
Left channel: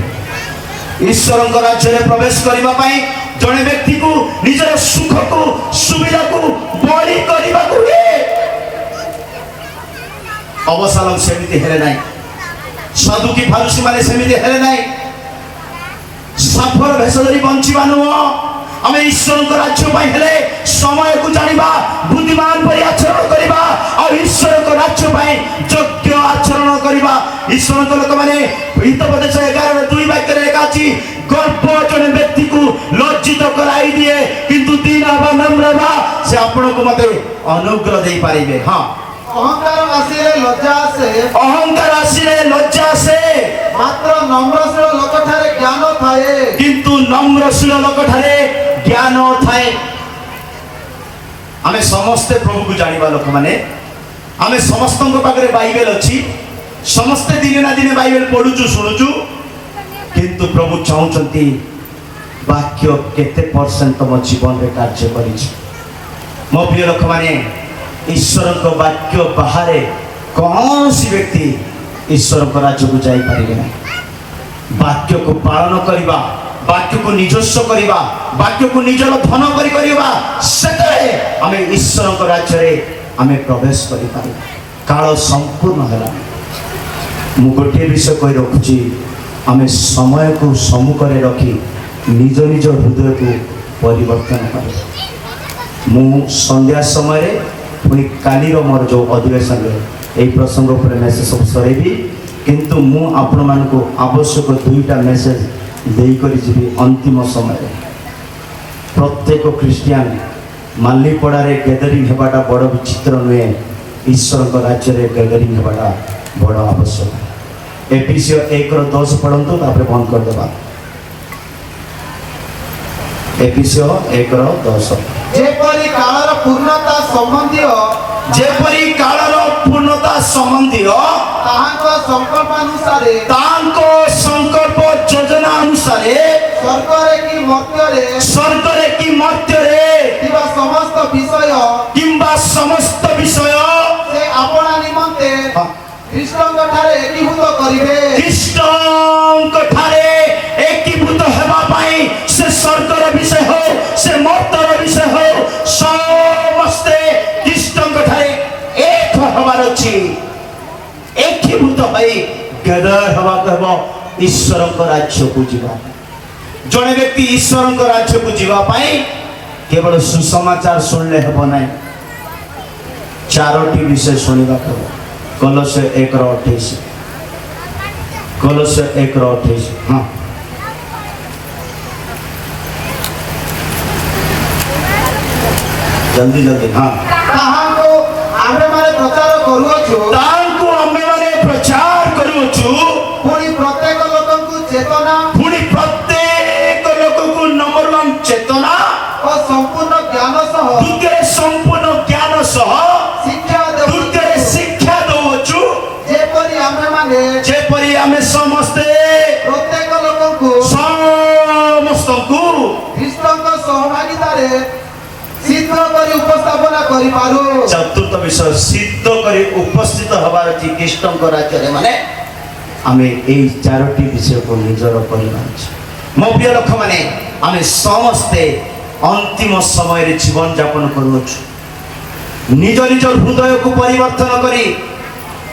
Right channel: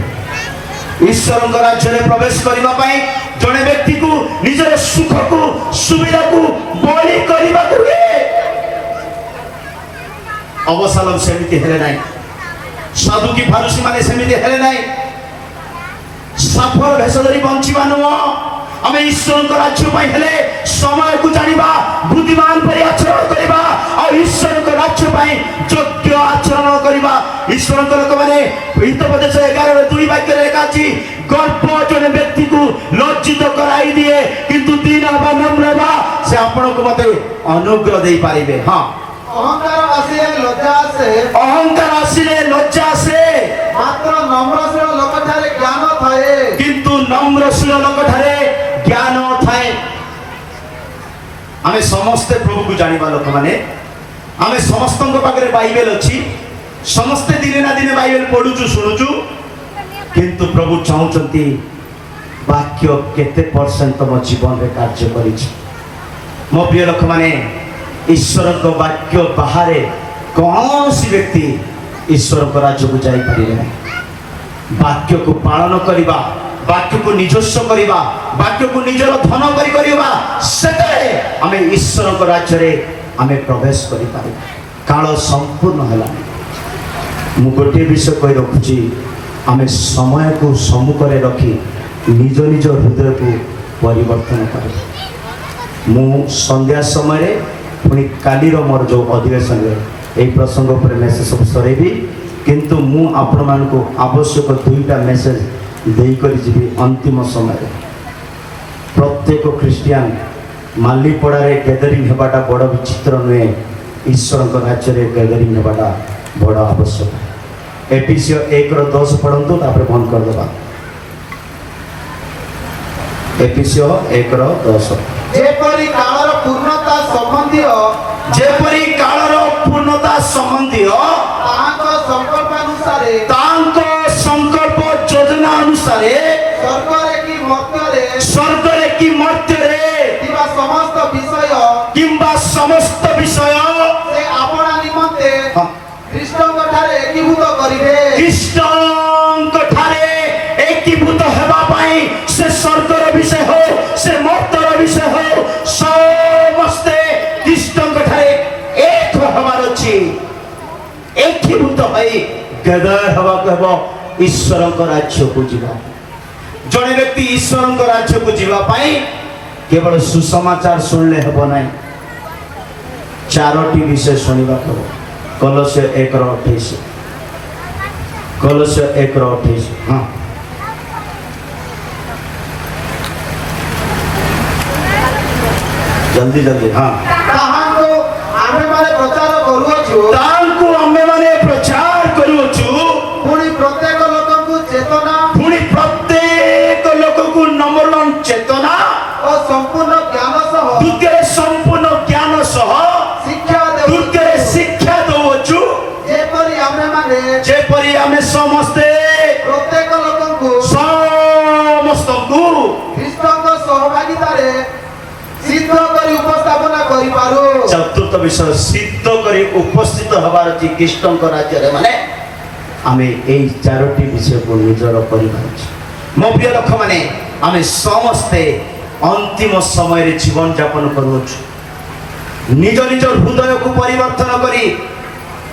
ଈଶ୍ୱରଙ୍କ ରାଜ୍ୟରେ ପ୍ରବେଶ କରିବା ପାଇଁ ଜଣେ ବ୍ୟକ୍ତିକୁ ନିଜର ସୁଖକୁ ସୁବିଧାକୁ ବଳି କରିବାକୁ ହୁଏ। ଅବସାଲମ ସେମିତି ହେଲେ ନାହିଁ, ସଦୁକି ଫାରୁସି ମାନେ ସେମିତି ହେଲେ ନାହିଁ। ସାଫର ଭେଷ ଧରି ବଞ୍ଚିବା ନୁହଁ, ଆମେ ଈଶ୍ୱରଙ୍କ ରାଜ୍ୟ ପାଇଁ ହେଲେ ସମୟକୁ ଜାଣିବା, ବୁଦ୍ଧିମାନ ପରି ଆଚରଣ କରିବା, ଆଉ ଈଶ୍ୱରଙ୍କ ରାଜ୍ୟ ପାଇଁ ଯୋଗ୍ୟ ଆଚରଣ କରିବା। ଈଶ୍ୱରଙ୍କ ଲୋକମାନେ ହିତୋପଦେଶ 11:2 ବାକ୍ୟରେ ଲେଖା ଅଛି, ଗର୍ବ ଜଣେ ବ୍ୟକ୍ତିକୁ ଲଜ୍ଜିତ କରାଇ ଦିଏ, କିନ୍ତୁ ଦୀନ ବା ନମ୍ର ବା ସେ ଆପଣଙ୍କୁ ମତେ ଅନୁଗ୍ରହ ଦେଇପାରିବେ। ହଁ, ଅହଙ୍କାର ଆସିଲେ ଲଜ୍ଜା ଆସେ, ଅହଙ୍କାର ଆସିଲେ ଲଜ୍ଜା ଆସେ, ମାତ୍ର ନମ୍ରଶୀଳ ଲୋକଠାରେ ଜ୍ଞାନ ଥାଏ। କିନ୍ତୁ ନମ୍ରଶୀଳ ଲୋକଠାରେ ଜ୍ଞାନ ଥାଏ। ଆମେ ସମସ୍ତେ ପ୍ରଭୁକୁ ଜାଣିବା ଲୋକମାନେ, ଆମେ ସମସ୍ତଙ୍କ ପାଖରେ ବାଇବେଲ ଅଛି, ସମସ୍ତେ ଦିନେ ନା ଦିନେ ବାଇବେଲ ପଢୁଛୁ ଶୁଣୁଛୁ, କିନ୍ତୁ ପ୍ରଭୁ ଚାହୁଁଛନ୍ତି ବାକ୍ୟ କେତେ ପରସେଣ୍ଟ ତମ ଜୀବନରେ କାର୍ଯ୍ୟ କରିଛି। ମୋ ପ୍ରିୟ ଲୋକମାନେ, ଈଶ୍ୱରଙ୍କ ବାକ୍ୟ ବାହାରେ କୌଣସି ବ୍ୟକ୍ତି ଈଶ୍ୱରଙ୍କ ରାଜ୍ୟକୁ ଯାଇପାରିବେ ନାହିଁ। ବାକ୍ୟକୁ ପାଳନ କରିବା, ବାକ୍ୟକୁ ନିଜସ୍ୱ କରିବା, ବାକ୍ୟକୁ ନିଜର ଧନ କରି କରିବା, ସେତେବେଳେ ଆମେ ଈଶ୍ୱରଙ୍କ ରାଜ୍ୟରେ ଆମେ ପ୍ରବେଶ କରିପାରିବା। କାଳ ସମ୍ପୂର୍ଣ୍ଣ ହେଲା। ମୁଁ ଗୋଟିଏ ବିଷୟ କହି ରଖୁଛି, ଆମେ ସମୟକୁ ସମ୍ମୁଖରେ ରଖି ନିଜ ନିଜ ହୃଦୟକୁ ପରିବର୍ତ୍ତନ କରିବା। ମୁଁ ସନ୍ଧ୍ୟା ସମୟରେ ପୁଣି କାଲିର ମୋର ଯେଉଁ ଅଧିବେଶନରେ ଏହି ପ୍ରସଙ୍ଗ ଉପରେ ମେସେଜ ସବୁ ସରେଇବି, କିନ୍ତୁ ମୁଁ ଆପଣମାନଙ୍କୁ ଆବଶ୍ୟକ 2ଟା ମେସେଜ ଦେଇକରି ଯିବି। ଅନ୍ତିମ ସମୟରେ ପ୍ରତ୍ୟେକ ଖ୍ରୀଷ୍ଟିଆନ ମାଲିପଡ଼ାରେ ଗ୍ୟାଦରିଂ ହେବାଟା ବଡ଼ ବିଚିତ୍ର ନୁହେଁ, ଈଶ୍ୱରଙ୍କ ରାଜ୍ୟରେ ଗ୍ୟାଦରିଂ ହେବାଟା ବଡ଼ ଆବଶ୍ୟକ। ଏଫେସୀୟ 1:10 ପଢ଼ନ୍ତୁ, ତାପରେ ବନ୍ଦ କରିଦେବା। ଏଫେସୀୟ 1:10। ଯେପରି କାଳର ପୂର୍ଣ୍ଣତା ସମ୍ବନ୍ଧୀୟ, ଯେପରି କାଳର ପୂର୍ଣ୍ଣତା ସମ୍ବନ୍ଧୀୟ ତାହାଙ୍କ ସଂକଳ୍ପାନୁସାରେ ତାଙ୍କ ସଂକଳ୍ପ ଯୋଜନା ଅନୁସାରେ ସ୍ୱର୍ଗରେ କି ମର୍ତ୍ତ୍ୟରେ ଥିବା ସମସ୍ତ ବିଷୟ କିମ୍ବା ସମସ୍ତ ବିଷୟ ସେ ଆପଣା ନିମନ୍ତେ ଖ୍ରୀଷ୍ଟଙ୍କ ଠାରେ ଏକୀଭୂତ କରିବେ। ଖ୍ରୀଷ୍ଟଙ୍କ ଠାରେ ଏକୀଭୂତ ହେବା ପାଇଁ ସେ ସ୍ୱର୍ଗର ବିଷୟ ହଉ, ସେ ମର୍ତ୍ତ୍ୟର ବିଷୟ ହଉ, ସମସ୍ତେ ଖ୍ରୀଷ୍ଟଙ୍କ ଠାରେ ଏକ ହେବାର ଅଛି। ଏକୀଭୂତ ହୋଇ ଗେଦର ହେବାକୁ ହେବ, ଈଶ୍ୱରଙ୍କ ରାଜ୍ୟକୁ ଯିବ। ଜଣେ ବ୍ୟକ୍ତି ଈଶ୍ୱରଙ୍କ ରାଜ୍ୟକୁ ଯିବା ପାଇଁ କେବଳ ସୁସମାଚାର ଶୁଣିଲେ ହେବ ନାହିଁ, 4ଟି ବିଷୟ ଶୁଣିବାକୁ ହେବ। କଲୋସ୍ୟ 1:28, କଲୋସ୍ୟ 1:28। ହଁ, ଜଲ୍ଦି ଜଲ୍ଦି। ହଁ, ତାହାଙ୍କୁ ଆମ୍ଭେମାନେ ପ୍ରଚାର କରୁଅଛୁ, ତାଙ୍କୁ ଆମେମାନେ ପ୍ରଚାର କରୁଅଛୁ, ପୁଣି ପ୍ରତ୍ୟେକ ଲୋକଙ୍କୁ ଚେତନା ପୁଣି ପ୍ରତ୍ୟେକ ଲୋକକୁ ନମ୍ବର 1 ଚେତନା, ଓ ସମ୍ପୂର୍ଣ୍ଣ ଜ୍ଞାନ ସହ ଦ୍ୱିତୀୟରେ ସମ୍ପୂର୍ଣ୍ଣ ଜ୍ଞାନ ସହ, ଶିକ୍ଷା ଦେଉ, ତୃତୀୟରେ ଶିକ୍ଷା ଦଉଅଛୁ, ଯେପରି ଆମେ ସମସ୍ତେ ପ୍ରତ୍ୟେକ ଲୋକଙ୍କୁ ସମସ୍ତଙ୍କୁ ଖ୍ରୀଷ୍ଟଙ୍କ ସହଭାଗିତାରେ ସିଦ୍ଧ କରି ଉପସ୍ଥାପନା କରିପାରୁ। 4ର୍ଥ ବିଷୟ ସିଦ୍ଧ କରି ଉପସ୍ଥିତ ହେବାର ଅଛି ଖ୍ରୀଷ୍ଟଙ୍କ ରାଜ୍ୟରେ। ମାନେ ଆମେ ଏଇ 4ଟି ବିଷୟକୁ ନିଜର କରିବା ଅଛି। ମୋ ପ୍ରିୟ ଲୋକମାନେ, ଆମେ ସମସ୍ତେ ଅନ୍ତିମ ସମୟରେ ଜୀବନ ଯାପନ କରୁଅଛୁ। ନିଜ ନିଜ ହୃଦୟକୁ ପରିବର୍ତ୍ତନ କରି,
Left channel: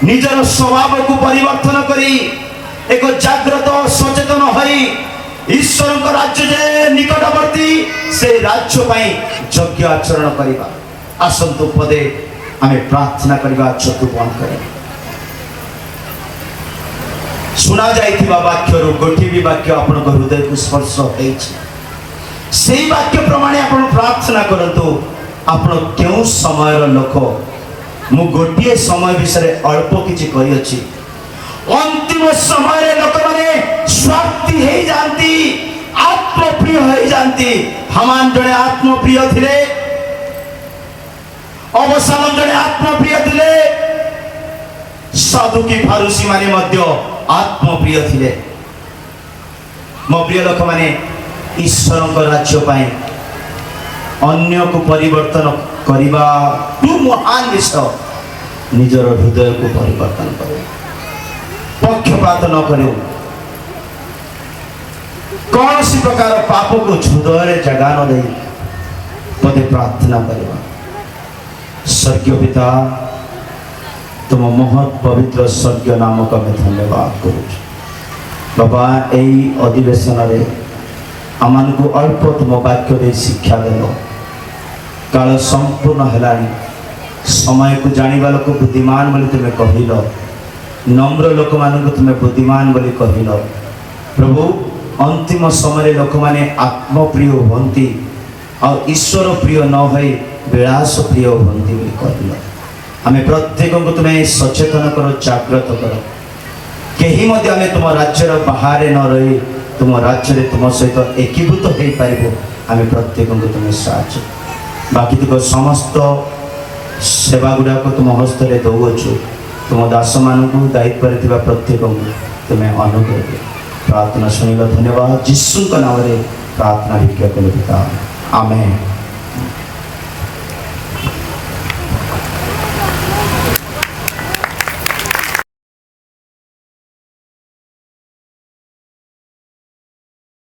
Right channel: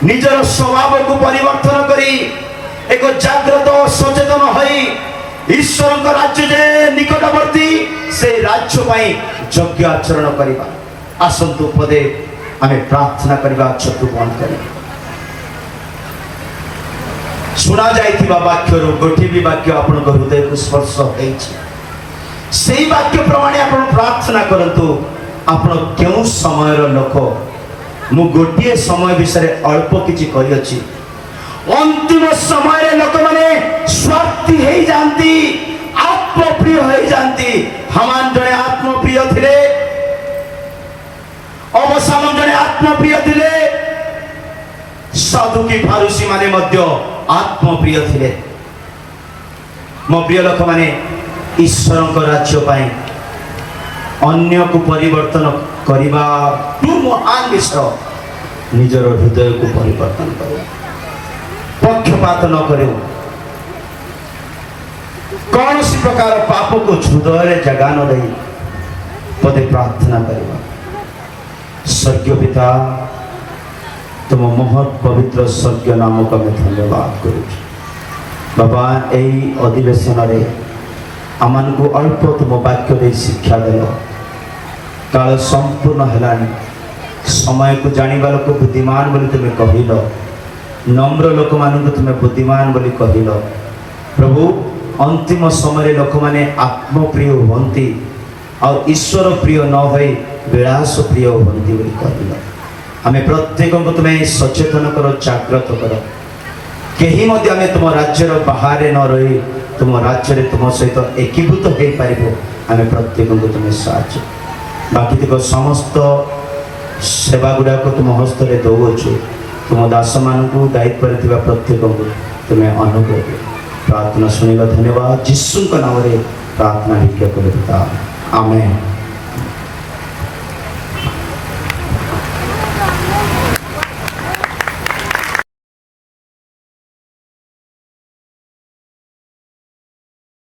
ନିଜର ସ୍ୱଭାବକୁ ପରିବର୍ତ୍ତନ କରି, ଏକ ଜାଗ୍ରତ ସଚେତନ ହୋଇ ଈଶ୍ୱରଙ୍କ ରାଜ୍ୟ ଯେ ନିକଟବର୍ତ୍ତୀ ସେ ରାଜ୍ୟ ପାଇଁ ଯଜ୍ଞ ଆଚରଣ କରିବା। ଆସନ୍ତୁ ପଦେ ଆମେ ପ୍ରାର୍ଥନା କରିବା, ଚକ୍ଷୁ ବନ୍ଦ କରିବା। ଶୁଣା ଯାଇଥିବା ବାକ୍ୟରୁ ଗୋଟିଏ ବି ବାକ୍ୟ ଆପଣଙ୍କ ହୃଦୟକୁ ସ୍ପର୍ଶ ହେଇଛି, ସେଇ ବାକ୍ୟ ପ୍ରମାଣେ ଆପଣ ପ୍ରାର୍ଥନା କରନ୍ତୁ। ଆପଣ କେଉଁ ସମୟର ଲୋକ? ମୁଁ ଗୋଟିଏ ସମୟ ବିଷୟରେ ଅଳ୍ପ କିଛି କହିଅଛି। ଅନ୍ତିମ ସମୟରେ ଲୋକମାନେ ସ୍ୱାର୍ଥୀ ହେଇଯାନ୍ତି, ଆତ୍ମପ୍ରିୟ ହେଇଯାନ୍ତି। ହାମାନ ଜଣେ ଆତ୍ମପ୍ରିୟ ଥିଲେ, ଅବସାନ ଜଣେ ଆତ୍ମପ୍ରିୟ ଥିଲେ, ସାଧୁକି ଫାରୁସୀ ମାନେ ମଧ୍ୟ ଆତ୍ମପ୍ରିୟ ଥିଲେ। ମୋ ପ୍ରିୟ ଲୋକମାନେ, ଈଶ୍ୱରଙ୍କ ରାଜ୍ୟ ପାଇଁ ଅନ୍ୟକୁ ପରିବର୍ତ୍ତନ କରିବା ମହାନ ବିଷୟ। ନିଜର ହୃଦୟକୁ ପରିବର୍ତ୍ତନ କରୁ, ପକ୍ଷପାତ ନ କରୁ, କୌଣସି ପ୍ରକାର ପାପକୁ ହୃଦୟରେ ଜାଗା ନ ଦେଇ ପଦେ ପ୍ରାର୍ଥନା କରିବା। ସ୍ୱର୍ଗୀୟ ପିତା, ତୁମ ମହତ୍ ପବିତ୍ର ସ୍ୱର୍ଗୀୟ ନାମକୁ ଆମେ ଧନ୍ୟବାଦ କରୁଛୁ। ବାବା, ଏଇ ଅଧିବେଶନରେ ଆମମାନଙ୍କୁ ଅଳ୍ପ ତୁମ ବାକ୍ୟ ଦେଇ ଶିକ୍ଷା ଦେଲ। କାଳ ସମ୍ପୂର୍ଣ୍ଣ ହେଲାଣି, ସମୟକୁ ଜାଣିବା ଲୋକ ବୁଦ୍ଧିମାନ ବୋଲି ତୁମେ କହିଲ, ନମ୍ର ଲୋକମାନଙ୍କୁ ତୁମେ ବୁଦ୍ଧିମାନ ବୋଲି କହିଲ। ପ୍ରଭୁ, ଅନ୍ତିମ ସମୟରେ ଲୋକମାନେ ଆତ୍ମପ୍ରିୟ ହୁଅନ୍ତି ଆଉ ଈଶ୍ୱର ପ୍ରିୟ ନ ହୋଇ ବିଳାସ ପ୍ରିୟ ହୁଅନ୍ତି ବୋଲି କହିଲ। ଆମେ ପ୍ରତ୍ୟେକଙ୍କୁ ତୁମେ ସଚେତନ କର, ଜାଗ୍ରତ କର। କେହି ମଧ୍ୟ ଆମେ ତୁମ ରାଜ୍ୟର ବାହାରେ ନ ରହି ତୁମ ରାଜ୍ୟରେ ତୁମ ସହିତ ଏକୀଭୂତ ହୋଇପାରିବ। ଆମେ ପ୍ରତ୍ୟେକଙ୍କୁ ତୁମେ ସାହାଯ୍ୟ। ବାକି ତୁମ ସମସ୍ତ ସେବା ଗୁଡ଼ାକ ତୁମ ହସ୍ତରେ ଦେଉଅଛୁ। ତୁମ ଦାସମାନଙ୍କୁ ଦାୟିତ୍ୱରେ ଥିବା ପ୍ରତ୍ୟେକଙ୍କୁ ତୁମେ ଅନୁଗ୍ରହ କର। ପ୍ରାର୍ଥନା ଶୁଣିଲ, ଧନ୍ୟବାଦ। ଯୀଶୁଙ୍କ ନାମରେ ପ୍ରାର୍ଥନା ଭିକ୍ଷା କରୁ ପିତା, ଆମେନ୍।